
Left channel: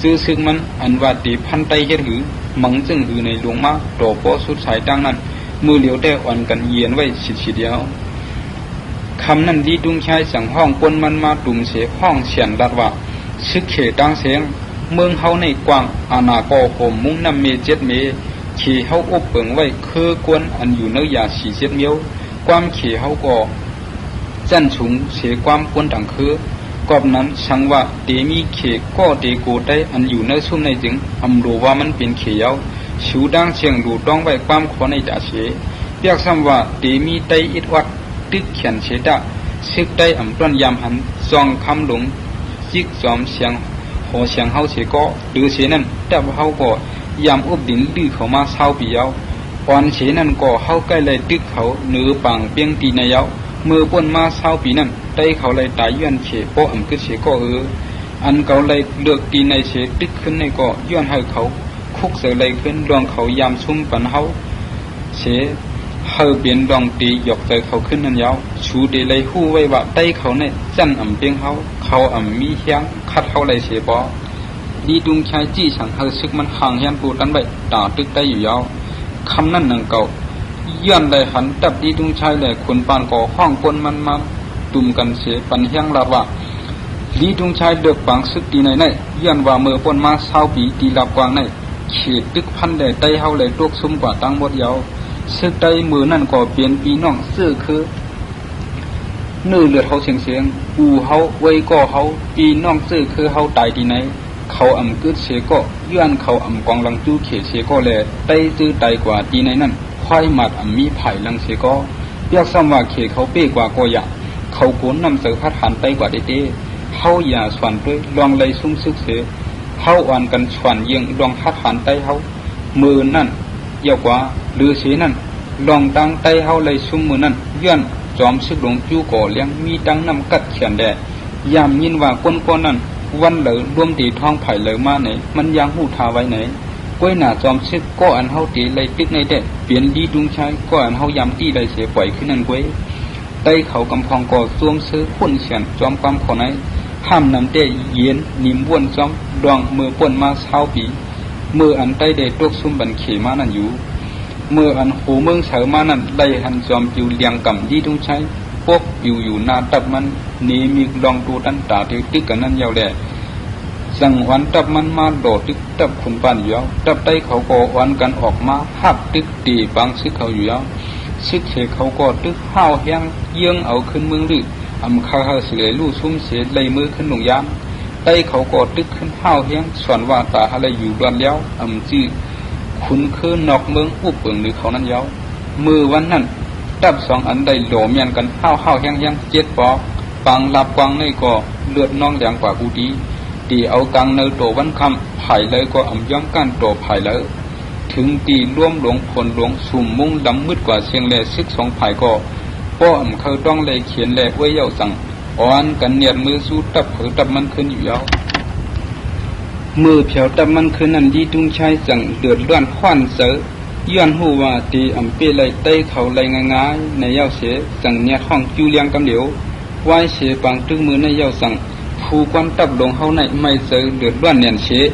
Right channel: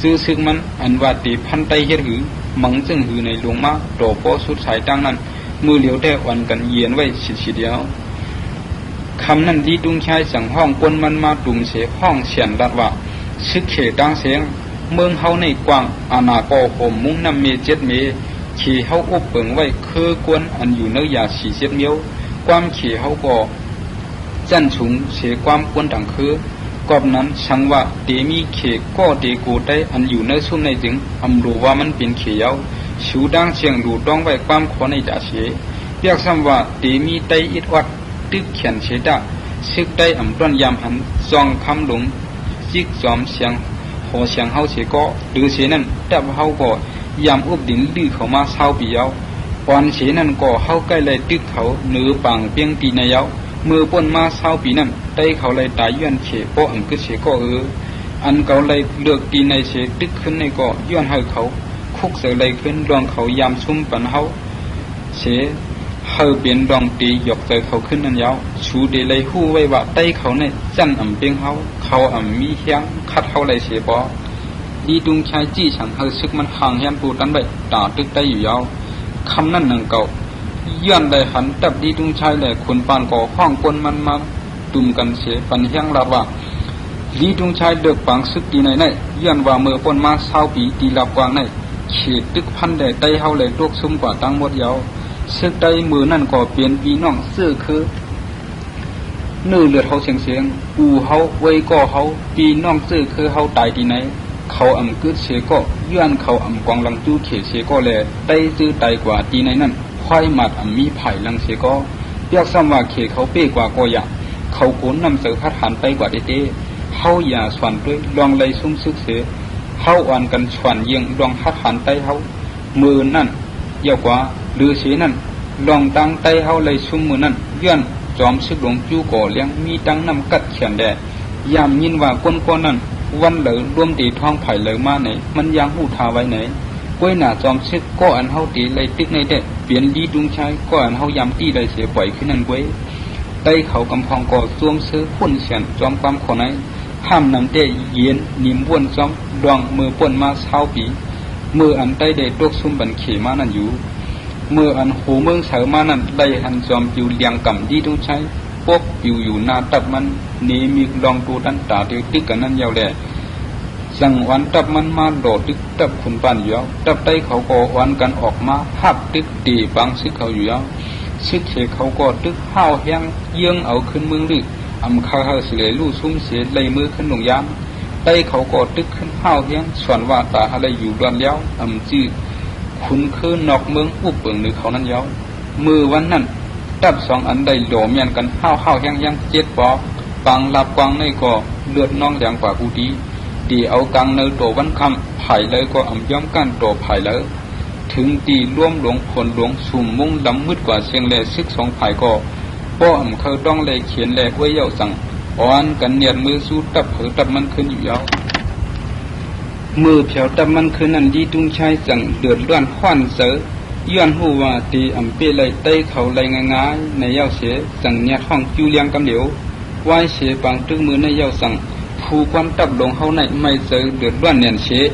ซื้อซึ่งมันอันว่าตีพันไตเฮ็ดหือมังจึงหือในหลวงมากโตโปสุดสายกลางนั้นมือเหลียวได้อ่อนกันเย็นไว้สิเดียวคำนั้นดีดุงชายสั่งห้องกวนมันมาตุ่มเสียห้องเฉียนดัดว่าซึกเขดังเสียงเมืองเฮาในกว้างอาณาโกโหมมุ้งน้ำเมเจ็ดเมขี่เฮาอุบเปิงไว้คือกวนอันอยู่ในยาสีเจ็ดเมียวความขี่เฮาก็จันสูงเสียความกวนดังคือกอบนั้นสั่งว่าเตมีเขก็เตโกได้อันอยู่ในสุ่มในดึงอำรู้ว่ามันเป็นเขียว ชูดังเชียงดูต้องไว้ความขอในจ่าเสียเรียกซ้ำว่าเตมีไตอิดวัดตึกเขียนเสดาซึกไตต้นยามหันซองคำหลงจิกจอมเสียงหอเสียงเฮาเสียก็ดูเสียนั่นตับเฮาก็ยามอุบดินดื้อเขามาเศร้าปีเอาก่อนเสียนั่นก็เฮาใกล้เลยตึกเขาเนื้อปังเปียงปีในเอามือป้นมาเศร้าปีนั่นไตเขาเลยตายย้อนเฉโปอันก็เฉก็อันเขาเลยเลือกปีในเสียตึกขึ้นในก็ย้อนให้เขาคุกเสียเลยขึ้นดวงเขายามซุ่มปันเฮาเสียเฮาเปลี่ยนดวงตีหยกใจเขาขึ้นนั่นยาวชูเดเลยหู้ไว้ว่าไตเขาเนี่ยจังเปียงเขามีเฮียงคัดเขาเลยเสียบ่ดีดุงชายจี้ฉันเฮาซึกมันห่างเฮียนปูตั้งได้ตาตึกไตอยู่ยาวคำนั้นหนึ่งเก่าย้อนได้หันตับดีดุงชายได้คนปานก่อห้องปนมันมาตุ่มกันเสียปันเฮียงลาดว่าดีดุงชายเดือดปังซึกตีในเนี่ยย้อนว่าเมื่อปนมาเศร้าปีตีลาดกวางเนี่ยเขียดตึกพันได้ไตเฮาเลยตกซุ่มกว่าตั้งหมดยาวซึกไตมือนั่นก็เปลี่ยนปีน้องเสื้อคือนู่เลือดเขาเสียงอูเฮาไว้ก็เฮาปีน้องเสื้อคือเฮาตายที่ไหนเขากึดเสียก็ย้อนเขากองลังตู้เขียเสียก็เลยไตซื้อไตกว่าที่ไหนนั่นควายหมัดมีไผ่ลังเสียก็เลือกซ้ำว่าเขียเขาเป้กว่าก็อยากเขาโกนนำเสือพัดหันไปกว่าเต้เขาอย่าฝันเพื่อลองเลยซุ่มซึกเสือเขาอ่านกันฝันยังลองพัดหันไปเขามือนั่นยาวกว่าหรือเสียนั่นลองตั้งไตเขาเลยซุ่มมือนั่นย้อนจอมซึกหลงจู้ก่อเลี้ยงมีตั้งน้ำกัดแขนแดดยามยินว่าก้นก้อนนั่นวันเลยรวมตีท้องไผ่เลยมาไหนมันยังหูทาไว้ไหนก้อยหน้าจอมซึกก็อันเฮาตีเลยตึกในเด็กเปลี่ยนดีดุงชายก็อันเฮายามตีได้เสียปล่อยขึ้นนั่นก้อยไตเขากำพองก็สวมซื้อคนเสียนจอมกำคนไหนห้ามนั่นได้เย็นนิ่มวนจอมดวงมือป่นมาเช้าปีมืออันไตเด็กตกซุ่มบันเขมานั่นอยู่เมื่ออันหูเมืองเฉามานั่นไล่หันจอมอยู่เลียงกำดีดุงชายพวกอยู่หน้าตับมันนี้มีลองดูตั้งตาดูติ๊กกันนั่นยาวแหละจังวันตับมันมาโดดติ๊กตับคนปานอยู่ตับไตเขาก็วันกันออกมาหับติ๊กตีบางซึกเขาอยู่ซึกเหตุเขาก็ตึกห้าวแห้งเยื่องเอาขึ้นเมืองดื้อข้าวเสือลู่ซุ้มเสียเลยมือขึ้นหนุ่งยามไตเขาก็ตึกขึ้นห้าวแห้งส่วนว่าป่าอะไรอยู่กันแล้วจี้คุณคือนอกเมืองผู้เปิงในเขานั้นยาวมือวันนั้นตับสองอันใดโหลมยันกันห้าวยังเจ็ดปอปังลับกวางในก็เลือดน้องแดงกว่าผู้ดีตีเอากังในตัววันคำไผ่เลยก็ย้อมกันตัวไผ่เลยถึงตีร่วมหลวงผลหลวงสุ่มมุ่งดำมืดกว่าเชียงเลยซึกสองไผ่ก็พ่อเคยต้องเลยเขียนเลยไว้เยาสั่งอ่อนกันเนียมือสู้ตับเผยตับมันขึ้นอยู่แล้วมือเฉียวตับมันขึ้นนั่นดีดุงชายสั่งเดือดร้อนขวัญเสือย้อนหูว่าตีเปเลยเต้เขาเลยง่ายในเย้าเสียสั่งเนี่ยห้องจูเลียงกันเดียววายเสียปังตึกมือในเย้าสั่งผู้ควันตับลงเขาในไม่เสือเดือดร้อนเนียนเสีย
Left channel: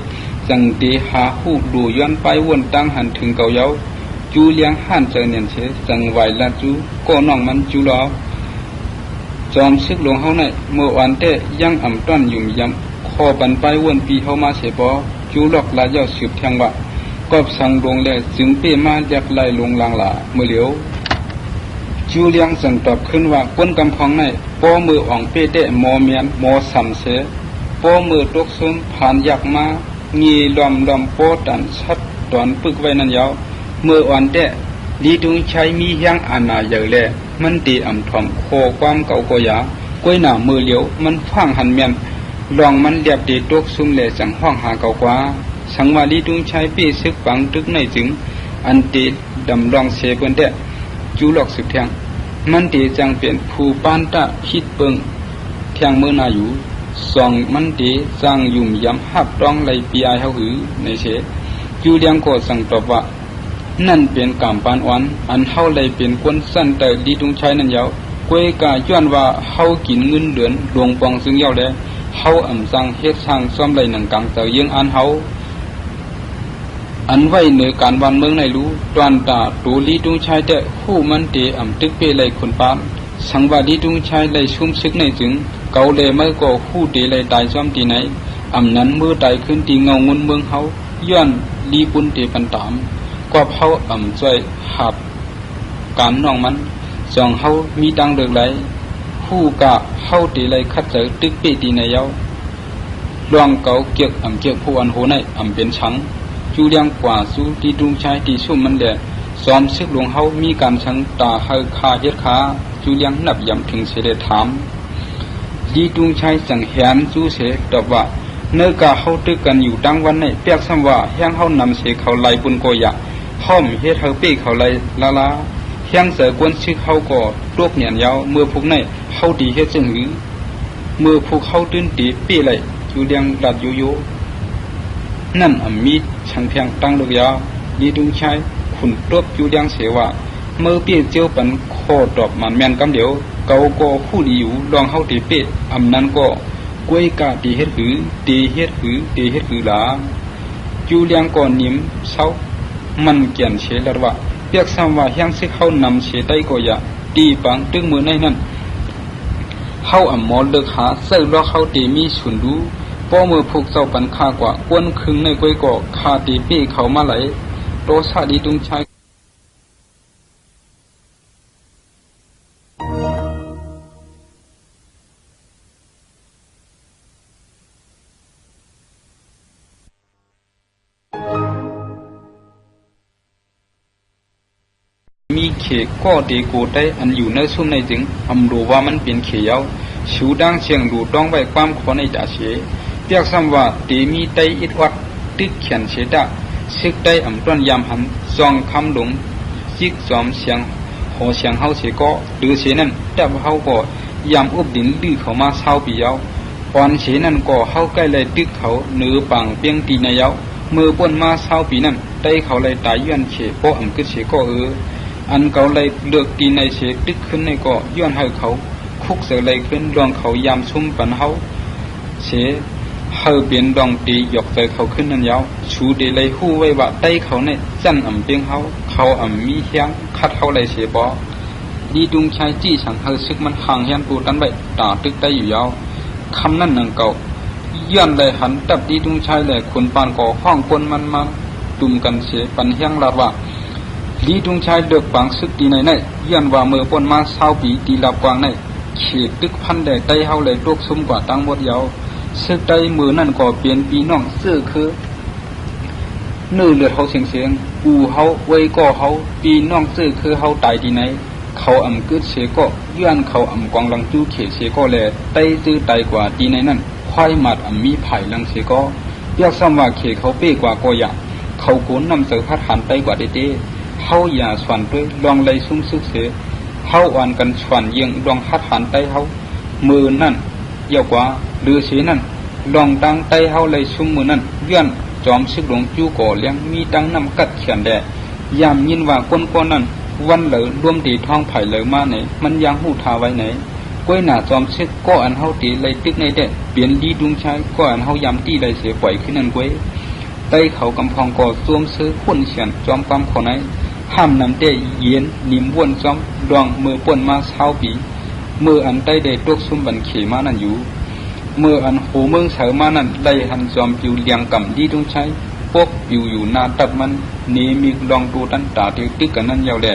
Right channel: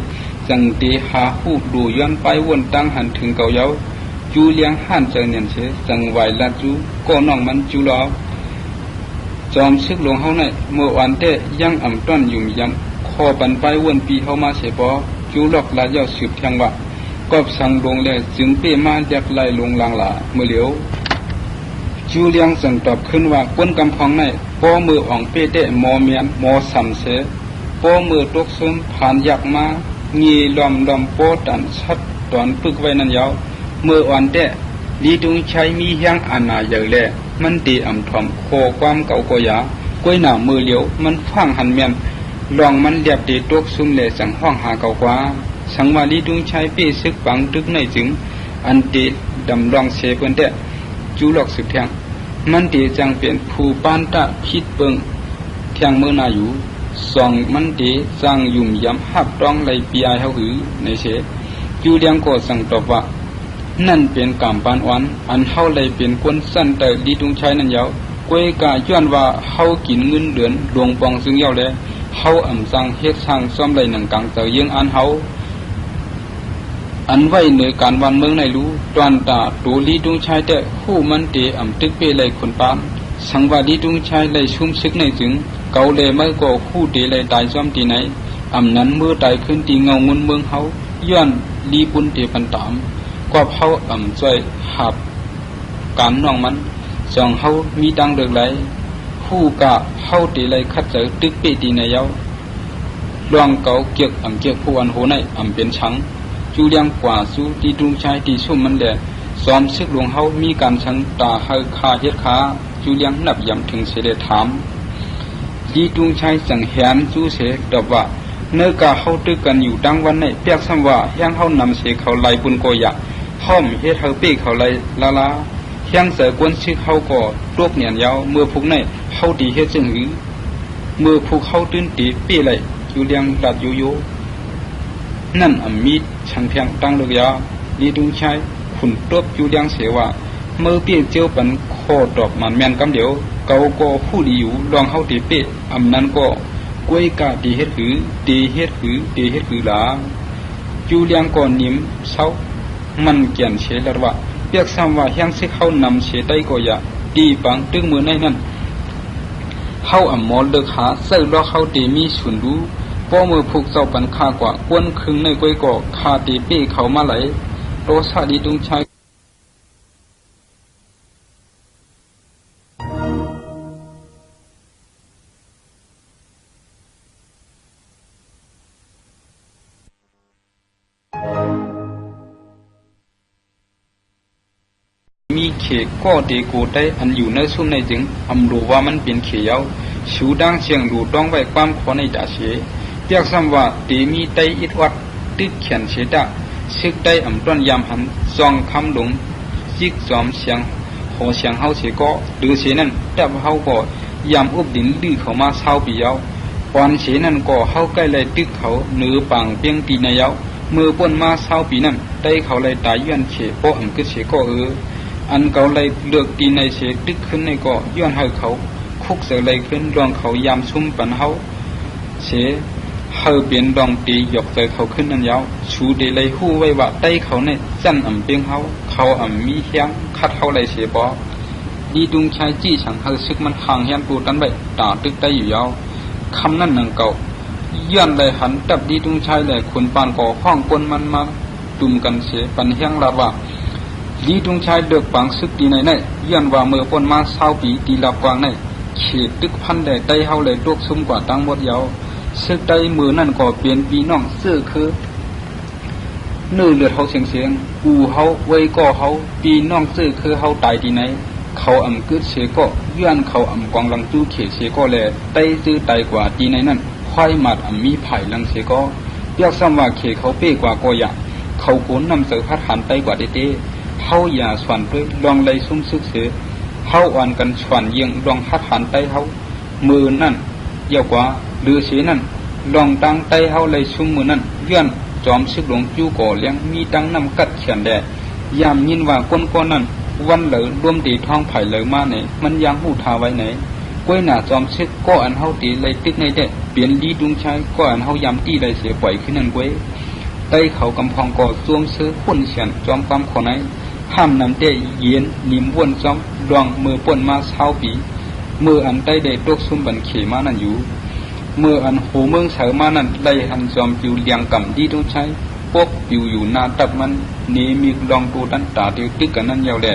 สั่งตีหาหูดูย้อนไปวนตั้งหันถึงเก่าเย้าจูเลียงหันเจอเนียนเสียสั่งไหวละจูก็น้องมันจูลาจอมซึกลงเขาในเมื่อวันเต้ยังต้นอยู่ยังคอปันไปวนปีเขามาเสียปอจูหลอกลาเย้าสืบทางว่าก็สั่งดวงเลยจึงเป้มาจากไล่ลงลังหลาเมื่อเหลียวจูเลียงสั่งตอบขึ้นว่าก้นกำพองในพอมืออ่องเป้เตะมอเมียนมอสันเสพอมือตกซึมผ่านยักมามีลอมโปตันชัดตอนปึกไว้นั่นยาวเมื่ออ่อนเตะดีตรงใช้มียังอาณาใหญ่เลยมันตีถ่อมโคความเก่าก็ยาก้อยหน้ามือเหลียวมันฟังหันเมียนลองมันเดียบตีตกซึมเลยสั่งห้องหาเก่ากว่าสังวาลีดุงชายเป้ซึกปังตึกในถึงอันตีดำรองเสเปินเตะจูหลอกสุดแทงมันตีจังเป็นผู้ปานตาคิดเปิงแทงมือนาอยู่สองมันตีจังยุ่มย้ำหับต้องไล่ปียเฮาหือในเสจูเลียงก็สั่งตอบว่านั่นเป็นกามปานอ่อนอันเฮาเลยเป็นคนเส้นแต่ดีดุงชายนั่นยาวก้วยกาย้อนว่าเฮากินเงินเดือนหลวงปองจึงยาวเลยเฮาจังเฮ็ดทางซ่อมเลยหนังกังแต่ยังอันเฮาอันไว้ในการวันเมืองในรู้ตอนตาตูลีดุงชายแต่ผู้มันเตตึกเปเลยคนปานสังวาดีดุงชายเลยชุ่มซึกในถึงเกาเลยไม่ก็ผู้เตเลยตายซ้อมตีไหนนั้นเมื่อตายขึ้นตีเงาเงินเมืองเขาย้อนลีปุนเตปันตามก็เขาใจหับการน้องมันสองเขามีตังเด็กไหลผู้กะเข้าตีเลยคัดใจตึกเปตีในเย้าลองเกาเกียกผู้อันโหในเป็นชัง จูเลียงกว่าสู้ตีดุงชายตีซุ่มมันแหลกซ้อมซึกหลวงเฮามีการชังตาให้คาเฮ็ดขาจูเลียงนับย่ำถึงเสด็จถามดีดุงชายสังหารจูเสแต่ว่าเมื่อกาเฮาตึกกันอยู่ดังวันนี้เปียกซ้ำว่ายังเฮานำเสเขาไล่บุญโกยะห้อมเฮ็ดเฮาปีเขาไล่ลาลาเฮียงเสกวนซึกเฮาก็โรคเหนียนยาวเมื่อพวกนี้เฮาดีเฮ็ดซึ่งหือเมื่อพวกเฮาตื้นตีปีไล่จูเลียงดัดโยโยนั่นมีช่างเพียงตั้งลูกยาดีดุงชายขุนตบจูเลียงเสว่าเมื่อเปียเจียวปันโคดอกมันแม่นกันเดียวเกาก็คู่ดีอยู่ลองเฮาตีเปนั้นก็กล้วยกาตีเฮ็ดหือตีเฮ็ดหือตีเฮ็ดหือหลาจูเลียงก่อนนิ่มเช้ามันเกี่ยนเสลว่าเปียกซ้ำว่ายังสิเขานำเสได้ก็อย่าตีปังตึงมือในนั้นเฮาหมอเลิกหาเศร้าล้อเฮาตีมีฉุนดูก็มือผูกเจ้าปันคากว่าควนครึ่งในกล้วยก็คาตีเป้เขามาไหลโตซาดีตุงชายมีเขก็เดโกได้อันอยู่ในซุ่มในจึงรู้ว่ามันเป็นเขียวชูดังเชียงดูต้องไว้ความขอในจ่าเสียเรียกซ้ำว่าเตมีไตอิดวัดติดเขียนเสดาซึกได้ต้นยามหันซองคำหลงยิกจอมเสียงหอเสียงเฮาเสียก็หรือเสียนั้นจับเฮาก็ยามอุบดินลื้อเข้ามาเศร้าปียาวก่อนเสียนั้นก็เฮาใกล้เลยตึกเขาเนื้อปังเปียงปีในยาวเมื่อป้นมาเศร้าปีนั้นไตเขาเลยตายย้อนเขก็ก็เสียก็อันเขาเลยเลือกตีในเสียตึกขึ้นในก็ย้อนให้เขาคุกเสียเลยขึ้นดองเขายามซุ่มปันเฮาเสียเฮาเปลี่ยนดองตีหยอกใจเขาขึ้นนั่นยาวชูเดเลยหู้ไว้ว่าไตเขาเนี่ยจันเปียงเขามีเสียงคัดเขาเลยเสียบ่ดีดุงชายจี้สั่งให้ซึกมันห่างเฮียนกูตั้งไว้ตาตึกไตอยู่ยาวคำนั้นนั่งเก่าย้อนเลยหันตับดีดุงชายเลยคนปานก่อห้องคนมันมาตุ่มกันเสียปันเฮียงลาว่าดีดุงชายเดือดปังซึกตีในย้อนว่าเมื่อปนมาเศร้าปีตีลากวางในเขตตึกพันเลยไตเฮาเลยตกซุ่มกว่าตั้งหมดยาวซึกไตมือนั่นก็เปลี่ยนปีน้องเสื้อคือนู่นเลยเขาเสียงกูเฮาไว้ก็เฮาปีน้องเสื้อคือเฮาตายที่ไหนเขากึดเสียก็ย้อนเขากองลังตู้เขเสียก็เลยไตตื้อไตกว่าที่ไหนนั่นควายหมัดมีไผ่ลังเสียก็เรียกซ้ำว่าเขเขาเป้กว่าก็อย่าเขาโกนนำเสือพัดขันไตกว่าเต้เขาอย่าฝันเพื่อลองเลยซุ่มซึกเสือเขาอ่านกันฝันยังลองพัดขันไตเขามือนั่นเยอะกว่าหรือเสียนั่นลองตั้งไตเขาเลยซุ่มมือนั่นย้อนจอมซึกหลวงจูก่อเลี้ยงมีตั้งน้ำกัดแขนแดดยามยินว่าก้นก้อนนั้นวันเลยร่วมตีท้องไผ่เลยมาไหนมันยังหูทาไว้ไหนก้วยหน้าจอมซึกก็อันเฮาตีเลยตึกในเด็ดเปลี่ยนดีดุงชายก็อันเฮายามตีเลยเสียปล่อยขึ้นนั่นก้วยไตเขากำพองก่อซวมซื้อขุ่นเฉียนจอมกำขอไหนห้ามนำเตะเย็นนิ่มวนจอมดองมือป่นมาเช้าปีมืออันไตเดตกซุ่มบันเขมานั่นอยู่เมื่ออันหูเมืองเสามานั่นไล่หันจอมจิวเลียงกำดีดุงชายพวกอยู่หน้าตับมันนี้มีลองดูตั้งตาดูติ๊กกันนั่นยาวแหละ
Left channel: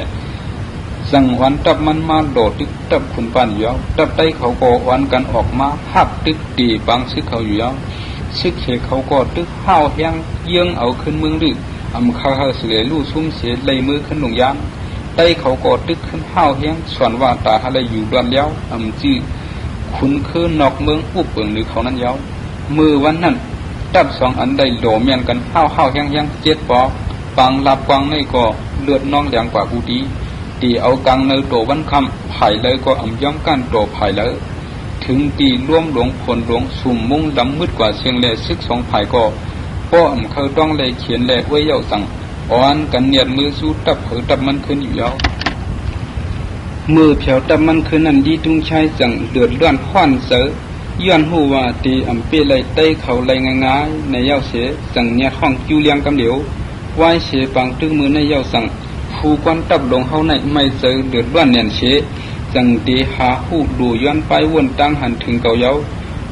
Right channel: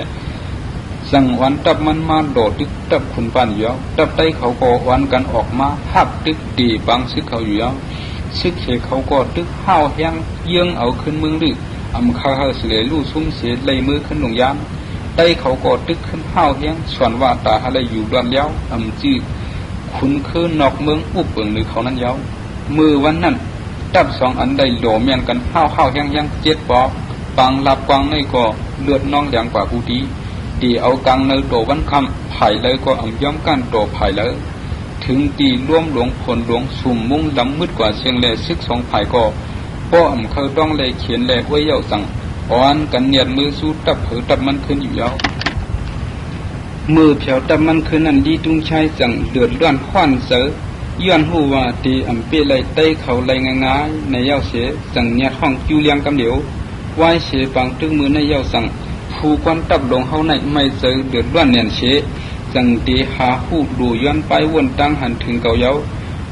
จังวันตับมันมาโดดติ๊กตับขุนปานอยู่ตับไตเขาก็วันกันออกมาหับติ๊กตีบางซึกเขาอยู่ซึกเหเขาก็ตึกห้าวแห้งเยื่องเอาขึ้นเมืองดึกใครให้เสียลู่ซุ่มเสียเลยมือขึ้นหลงยามไตเขาก็ตึกขึ้นห้าวแห้งส่วนว่าตาอะไรอยู่กันแล้วจี้คุณคือนอกเมืองผู้เปิงหรือเขานั้นยาวมือวันนั้นตับสองอันใดโหลเมียนกันห้าวแห้งเจ็ดปอปังลับกวางในก็เลือดน้องแดงกว่าผู้ดีตีเอากลางในโตวันคำไผ่เลยก็ย่อมกันโตไผ่เลยถึงตีร่วมหลวงผลหลวงสุ่มมุ่งดำมืดกว่าเชียงเลยซึกสองไผ่ก็พ่อเคยต้องเลยเขียนเลยไว้เยาสั่งอ่อนกันเนียดมือสู้ตับเผยตับมันขึ้นอยู่แล้วมือเฉียวตับมันขึ้นนั่นดีจุงชายสั่งเดือดเลื่อนข้านเสือย้อนหูว่าตีเปเลยเต้เขาเลยงาในเยาเสือสั่งเนี่ยห้องจูเลียงกำเดียวไหวเสือปังตึ้งมือในเยาสั่งผู้กวนตับลงเขาในไม่เสือเดือดเลื่อนเนียนเสือสั่งตีหาหูดูย้อนไปวนตั้งหันถึงเก่าเยา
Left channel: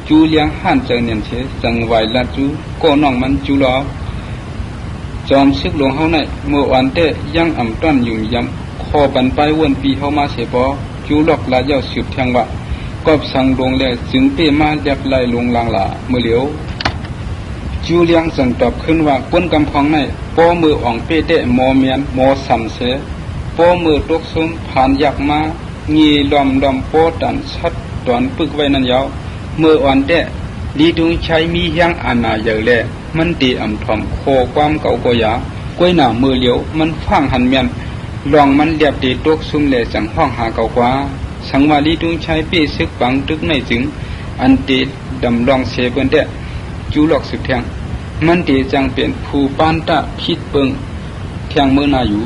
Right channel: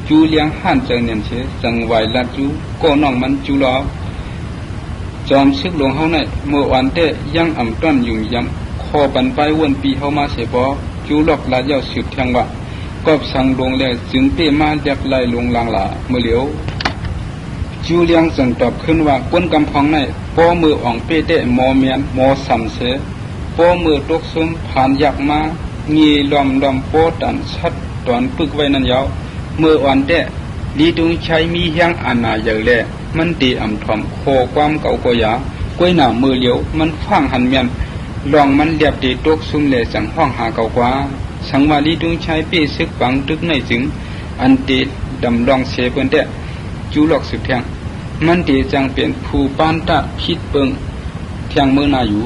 จูเลียงหันเจอเนียนเสือสั่งไหวละจูก็น้องมันจูลาจอมซึกหลวงเขาในเมื่อวันเตยังต้นอยู่ยังคอบันไปวนปีเขามาเสียปอจูหลอกลายเยาสืบทางว่าก็สั่งลงเลยจึงเตมาจากไล่ลงลังหลาเมื่อเหลียว จูเลียงส่งตอบขึ้นว่าป้นกำพองในป้อมืออ่องเป้เตมอเมียนมอสันเสป้อมือตกซึมผ่านยักมางีลอมป้อตันชัดตอนปึกไว้นั่นยาวมืออ่อนเตลีตุงใช้มียังอามาเยอะเลยมันตีอ่ำถอนโคความเก่าก็ยากล้วยหนามือเหลียวมันฟังหันเมียนลองมันเดียบตีตกซุ่มเลยสังห้องหาเก่ากว่าสังวาลีตุงใช้เป้ซึกปังทุกในถึงอันตีดำลองเสเป็นเตจูหลอกสุดแทงมันตีจังเป็นผู้ปานตะพิดเปิงเที่ยงเมื่อนาอยู่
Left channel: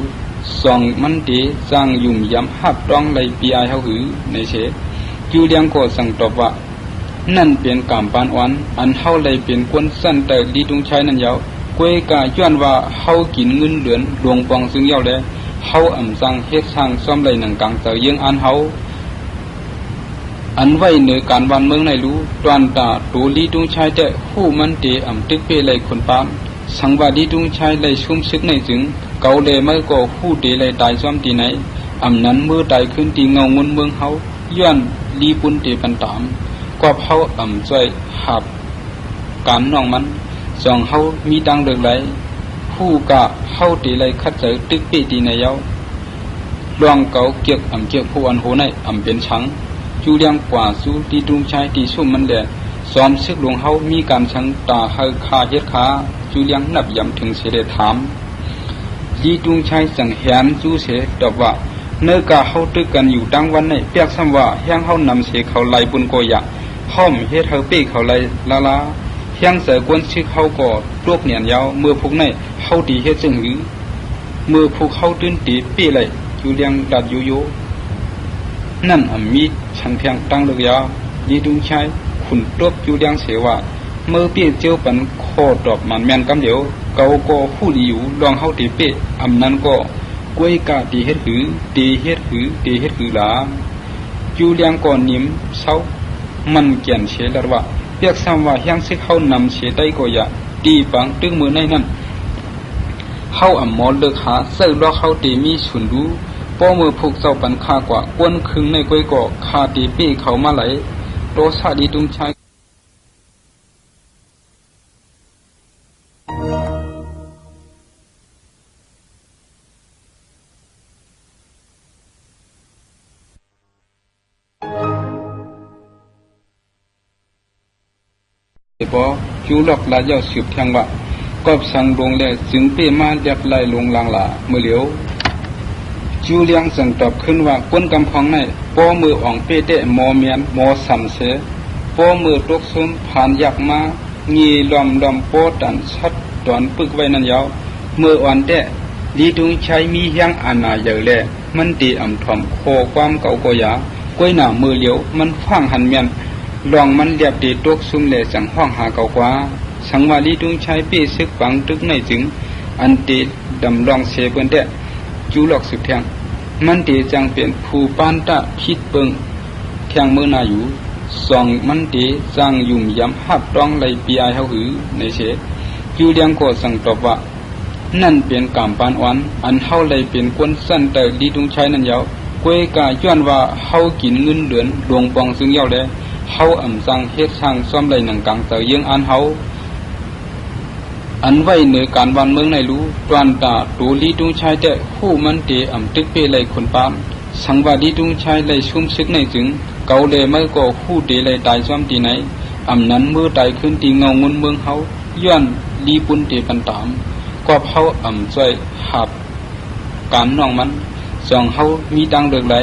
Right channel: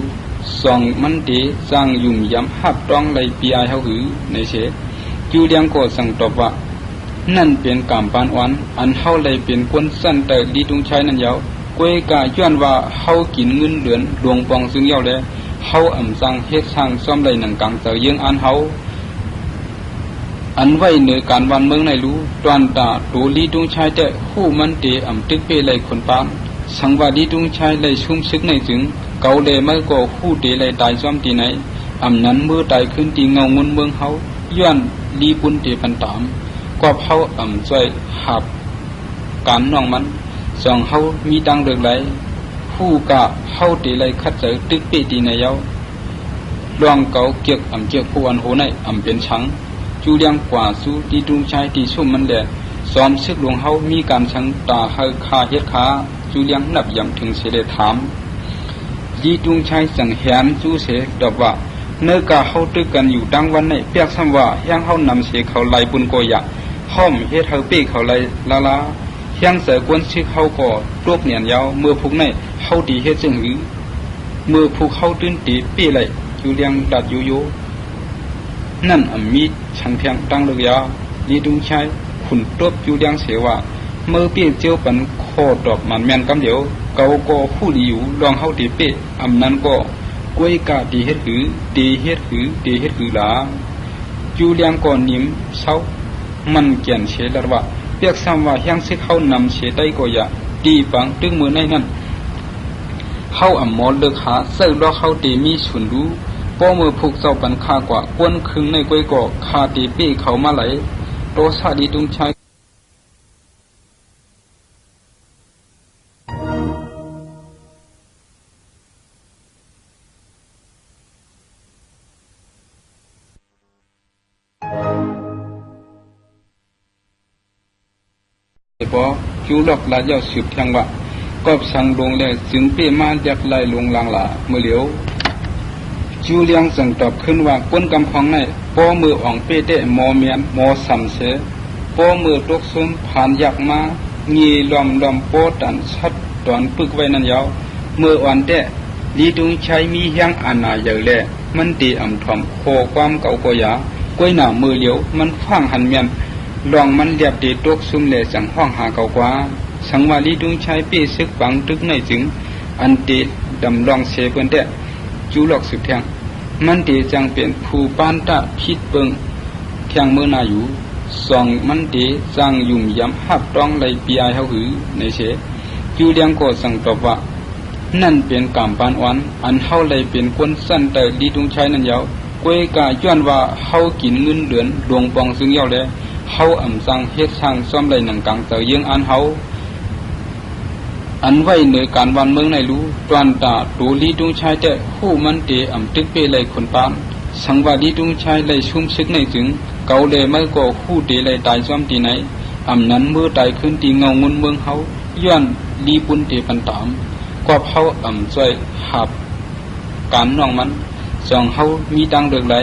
สองมันตีจังยุ่มย้ำหับต้องในปีไอเฮาหือในเสจูเลียงก็สั่งตอบว่านั่นเป็นกรรมปานอ่อนอันเฮาเลยเป็นคนสั้นแต่ดีตรงใช้นั่นยาวกวยกาย้อนว่าเฮากินเงินเดือนดวงปองซึ่งยาวเลยเฮาอ่ำจังเฮ็ดทางซ่อมเลยหนังกังเต่ายังอันเฮาอันไว้ในการวันเมืองในรู้ตอนตาตูลีตุงชายแต่ผู้มันเตอ่ำตึกเปเลยคนปานสังวาดีตุงชายเลยซุ่มซึกในถึงเกาเลยไม่ก็ผู้เตเลยตายซ้อมตีไหนอ่ำนั้นมือตายขึ้นตีเงาเงินเมืองเฮาย้อนลีปุนเตปันตามก็เฮาอ่ำใจหัดการน้องมันสองเฮามีตังเดือดไหลผู้กะเฮาเตเลยคัดใจตึกเปตีในเย้าลวงเกาเกียกอ่ำเกียกผู้อันโหในอ่ำเป็นชังจูเลียงกว่าสู้ตีตุงชายตีสุ่มมันแหลกซ้อมซึกหลวงเฮามีการชังตาให้พาเฮ็ดขาจูเลียงนับย่ำถึงเสด็จถามยีตุงชายสังเหียนจูเสตอบว่าเมื่อกาเฮาตึกกันอยู่ดังวันในเปียกซ้ำว่ายังเฮานำเสเขาไล่บุญโกยะห้อมเฮ็ดเฮาเป้เขาไล่ลาลายังใส่กวนซึกเฮาก็รวบเหนียนยาวเมื่อพวกในเฮาดีเฮ็ดซึ่งหือเมื่อพวกเฮาตื้นตีเป้ไล่จูเลียงดัดโยโยนั่นมีช่างเทียงตั้งเลยาดีดึงใช้ขุนตบจูเลียงเสว่าเมื่อเปี้ยเจ้าปันคอดอกมันแมนกันเดียวเกาก็ผู้ดีอยู่ลองเฮาตีเป้อำนั้นก็กล้วยกาตีเฮ็ดหือตีเฮ็ดหือตีเฮ็ดหือหลาจูเลียงก่อนนิ่มเศร้ามันเกียนเสดว่าเปียกซ้ำว่ายังสิเขานำเสได้ก็อย่าตีปังตึงมือในนั้นเฮาอ่ำหมอเลิกหาเซ้าล้อเฮาตีมีสุนรู้ป้อมือผูกเจ้าปันข้ากว่าก้นพึงในก้อยก่อคาตีปี้เขามาไหลโตชาดีตุงชายปอจูหลอกลายาสืบแทงว่ากอบสังดงแลจึงเป้มายับไล่ลงลางหลาเมื่อเหลียวจูเลียงส่งตอบขึ้นว่าป้นกำพองในป้อมืออ่องเป้เตมอเมียนมอสันเสป้อมือตกซึมผ่านยักมางีลอมป้อตันชัดตอนปึกไว้นั่นยาวเมื่ออ่อนเตลีตุงใช้มียังอามาใหญ่เลยมันตีอ่ำถอนโคความเก่าก็ยากล้วยหนามือเหลียวมันฟังหันเมียนลองมันเดียบตีตกซึมเลยสังห้องหาเก่ากว่าสังวาลีตุงใช้เป้ซึกปังตึกในถึงอันตีดำลองเสเป็นเตจูหลอกสุดแทงมันตีจังเป็นผู้ปานตะพิดเปิงเที่ยงเมื่อนาอยู่สองมันตีจังยุ่มย้ำหับต้องในปีไอเฮาหือในเสจูเลียงก็สั่งตอบว่านั่นเป็นกรรมปานอ่อนอันเฮาเลยเป็นคนสั้นแต่ดีตรงใช้นั่นยาวกวยกาย้อนว่าเฮากินเงินเดือนดวงปองซึ่งยาวเลยเฮาอ่ำจังเฮ็ดทางซ่อมเลยหนังกังเต่ายังอันเฮาอันไว้ในการวันเมืองในรู้ตอนตาตูลีตุงชายแต่ผู้มันเตอ่ำตึกเปเลยคนปานสังวาดีตุงชายเลยซุ่มซึกในถึงเกาเลยไม่ก็ผู้เตเลยตายซ้ำตีไหนอ่ำนั้นมือตายขึ้นตีเงาเงินเมืองเฮาย้อนลีปุนเตปันตามก็เฮาอ่ำใจหัดการน้องมันสองเฮามีตังเดือดไหล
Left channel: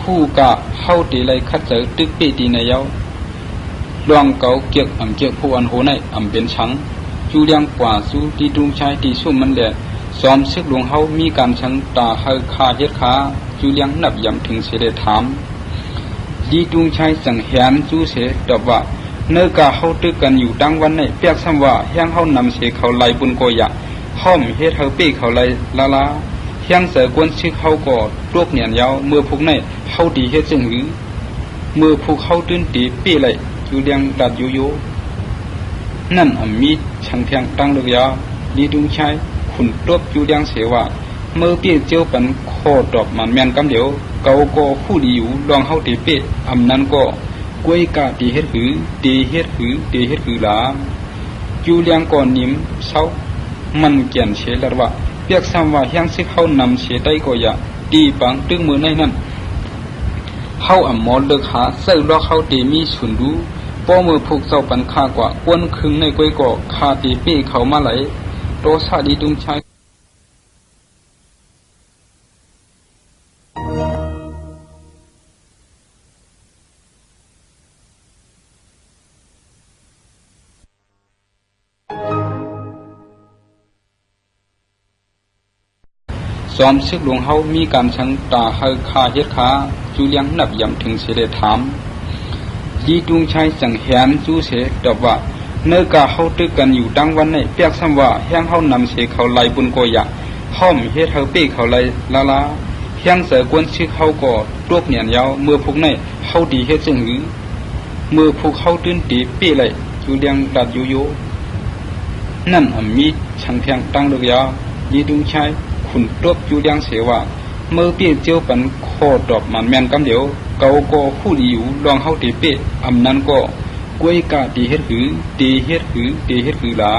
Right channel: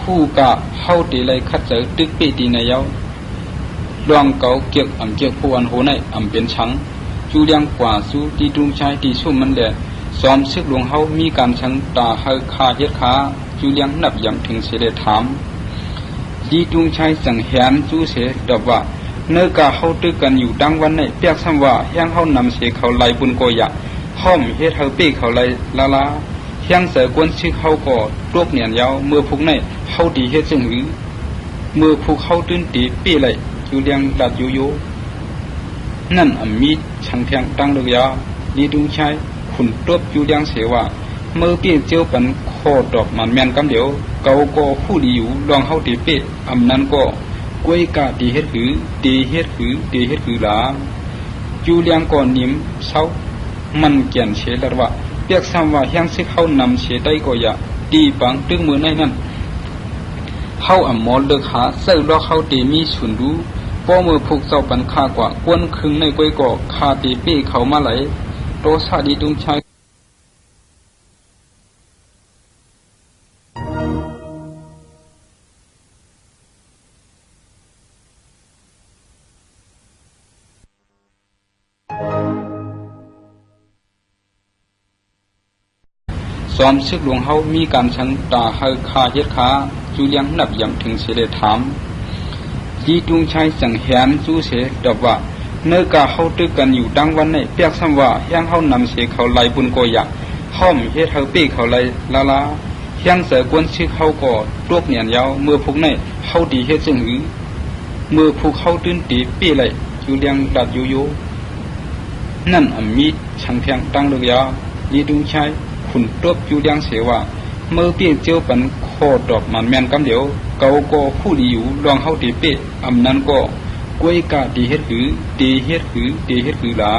ผู้กะเฮาเตเลยคัดใจตึกเปตีในเย้าลวงเกาเกียกอ่ำเกียกผู้อันโหในอ่ำเป็นชังจูเลียงกว่าสู้ตีตุงชายตีสุ่มมันแหลกซ้อมซึกหลวงเฮามีการชังตาให้คาเฮ็ดขาจูเลียงนับย่ำถึงเสด็จถามดีตุงชายสังเหียนจูเสตอบว่าเมื่อกาเฮาตึกกันอยู่ดังวันในเปียกซ้ำว่ายังเฮานำเสเขาไล่บุญโกยะห้อมเฮ็ดเฮาเป้เขาไล่ลาลายังใส่กวนซึกเฮาก็ตวกเหนียนยาวเมื่อพวกในเฮาดีเฮ็ดซึ่งหือเมื่อพวกเฮาตื้นตีเป้ไล่จูเลียงดัดโยโยนั่นมีช่างเทียงตั้งเลยาดีดึงใช้ขุนตบจูเลียงเสว่าเมื่อเปี้ยเจ้าปันโคดอกมันแมนกันเดียวเกาก็ผู้ดีอยู่ลองเฮาตีเป้อำนั้นก็กล้วยกาตีเฮ็ดหือตีเฮ็ดหือตีเฮ็ดหือหลา จูเลียงก่อนนิ่มเช้ามันเกี่ยนเชลว่าเปียกซ้ำว่ายังสิเข้านำเชได้ก็อย่าตีปังตึงมือในนั้นเข้าอ่ำมอเลิกหาเศร้าล้อเข้าตีมีฉุนดูป้อมือผูกเจ้าปันค่ากว่าควนคึงในก้อยก่อคาตีเป้เขามาไหลโตซาดีตุนชายซ้อมซึกหลวงเฮามีการสังตาให้คาเฮ็ดขาจูเลียงนับอย่างถึงเสด็จถามดีตุงชายสังเหียนจูเสตอบว่าเมื่อกาเฮาตึกกันอยู่ดังวันในเปียกซ้ำว่ายังเฮานำเสเขาไล่บุญก็อยากห้อมเฮ็ดเฮาเป้เขาไล่ลายังเสกวนซึกเฮาก็ตวกเหนียนยาวเมื่อพวกในเฮาดีเฮ็ดซึ่งหือเมื่อพวกเฮาตื่นตีเป้ไล่จูเลียงดัดโยนั่นมีทางแทงตั้งเลือยาดีตุงชายขุนตบจูเลียงเสว่าเมื่อเปี้ยเจียวปันโคดอกมันแมนกันเดียวเกาก็คู่ดีอยู่ลองเฮาตีเป้อำนั้นก็กล้วยกาตีเฮ็ดหือตีเฮ็ดหือตีเฮ็ดหือหลา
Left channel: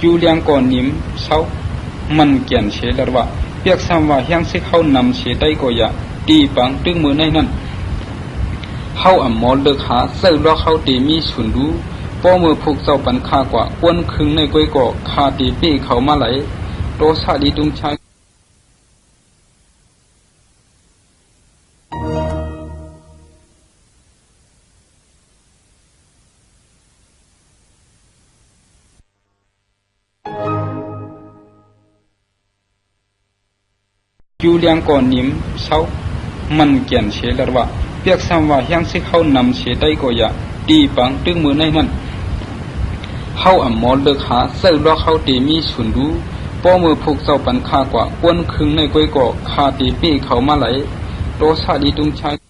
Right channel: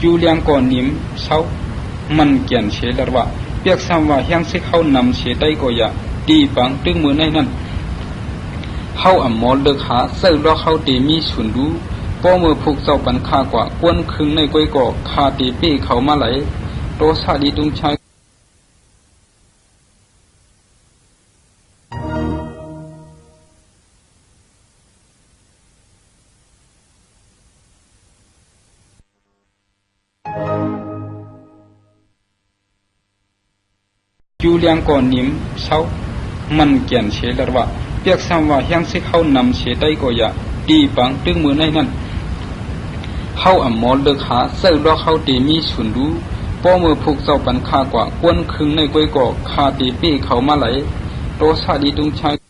จูเลียงก่อนนิ่มเช้ามันเกี่ยนเชลว่าเปียกซ้ำว่ายังสิเข้านำเสได้ก็อย่าตีปังตึงมือในนั้นเข้าอ่ำมอเลิกหาเศร้าล้อเข้าตีมีฉุนดูป้อมือผูกเจ้าปันค่ากว่าควนคึงในก้อยก่อคาตีเป้เขามาไหลโตซาดีตุนชายจูเลียงก่อนนิ่มเช้ามันเกี่ยนเชลว่าเปียกซ้ำว่ายังสิเข้านำเสได้ก็อย่าตีปังตึงมือในนั้นเข้าอ่ำมอเลิกหาเศร้าล้อเข้าตีมีฉุนดูป้อมือผูกเจ้าปันค่ากว่าควนคึงในก้อยก่อคาตีเป้เขามาไหลโตซาดีตุงชาย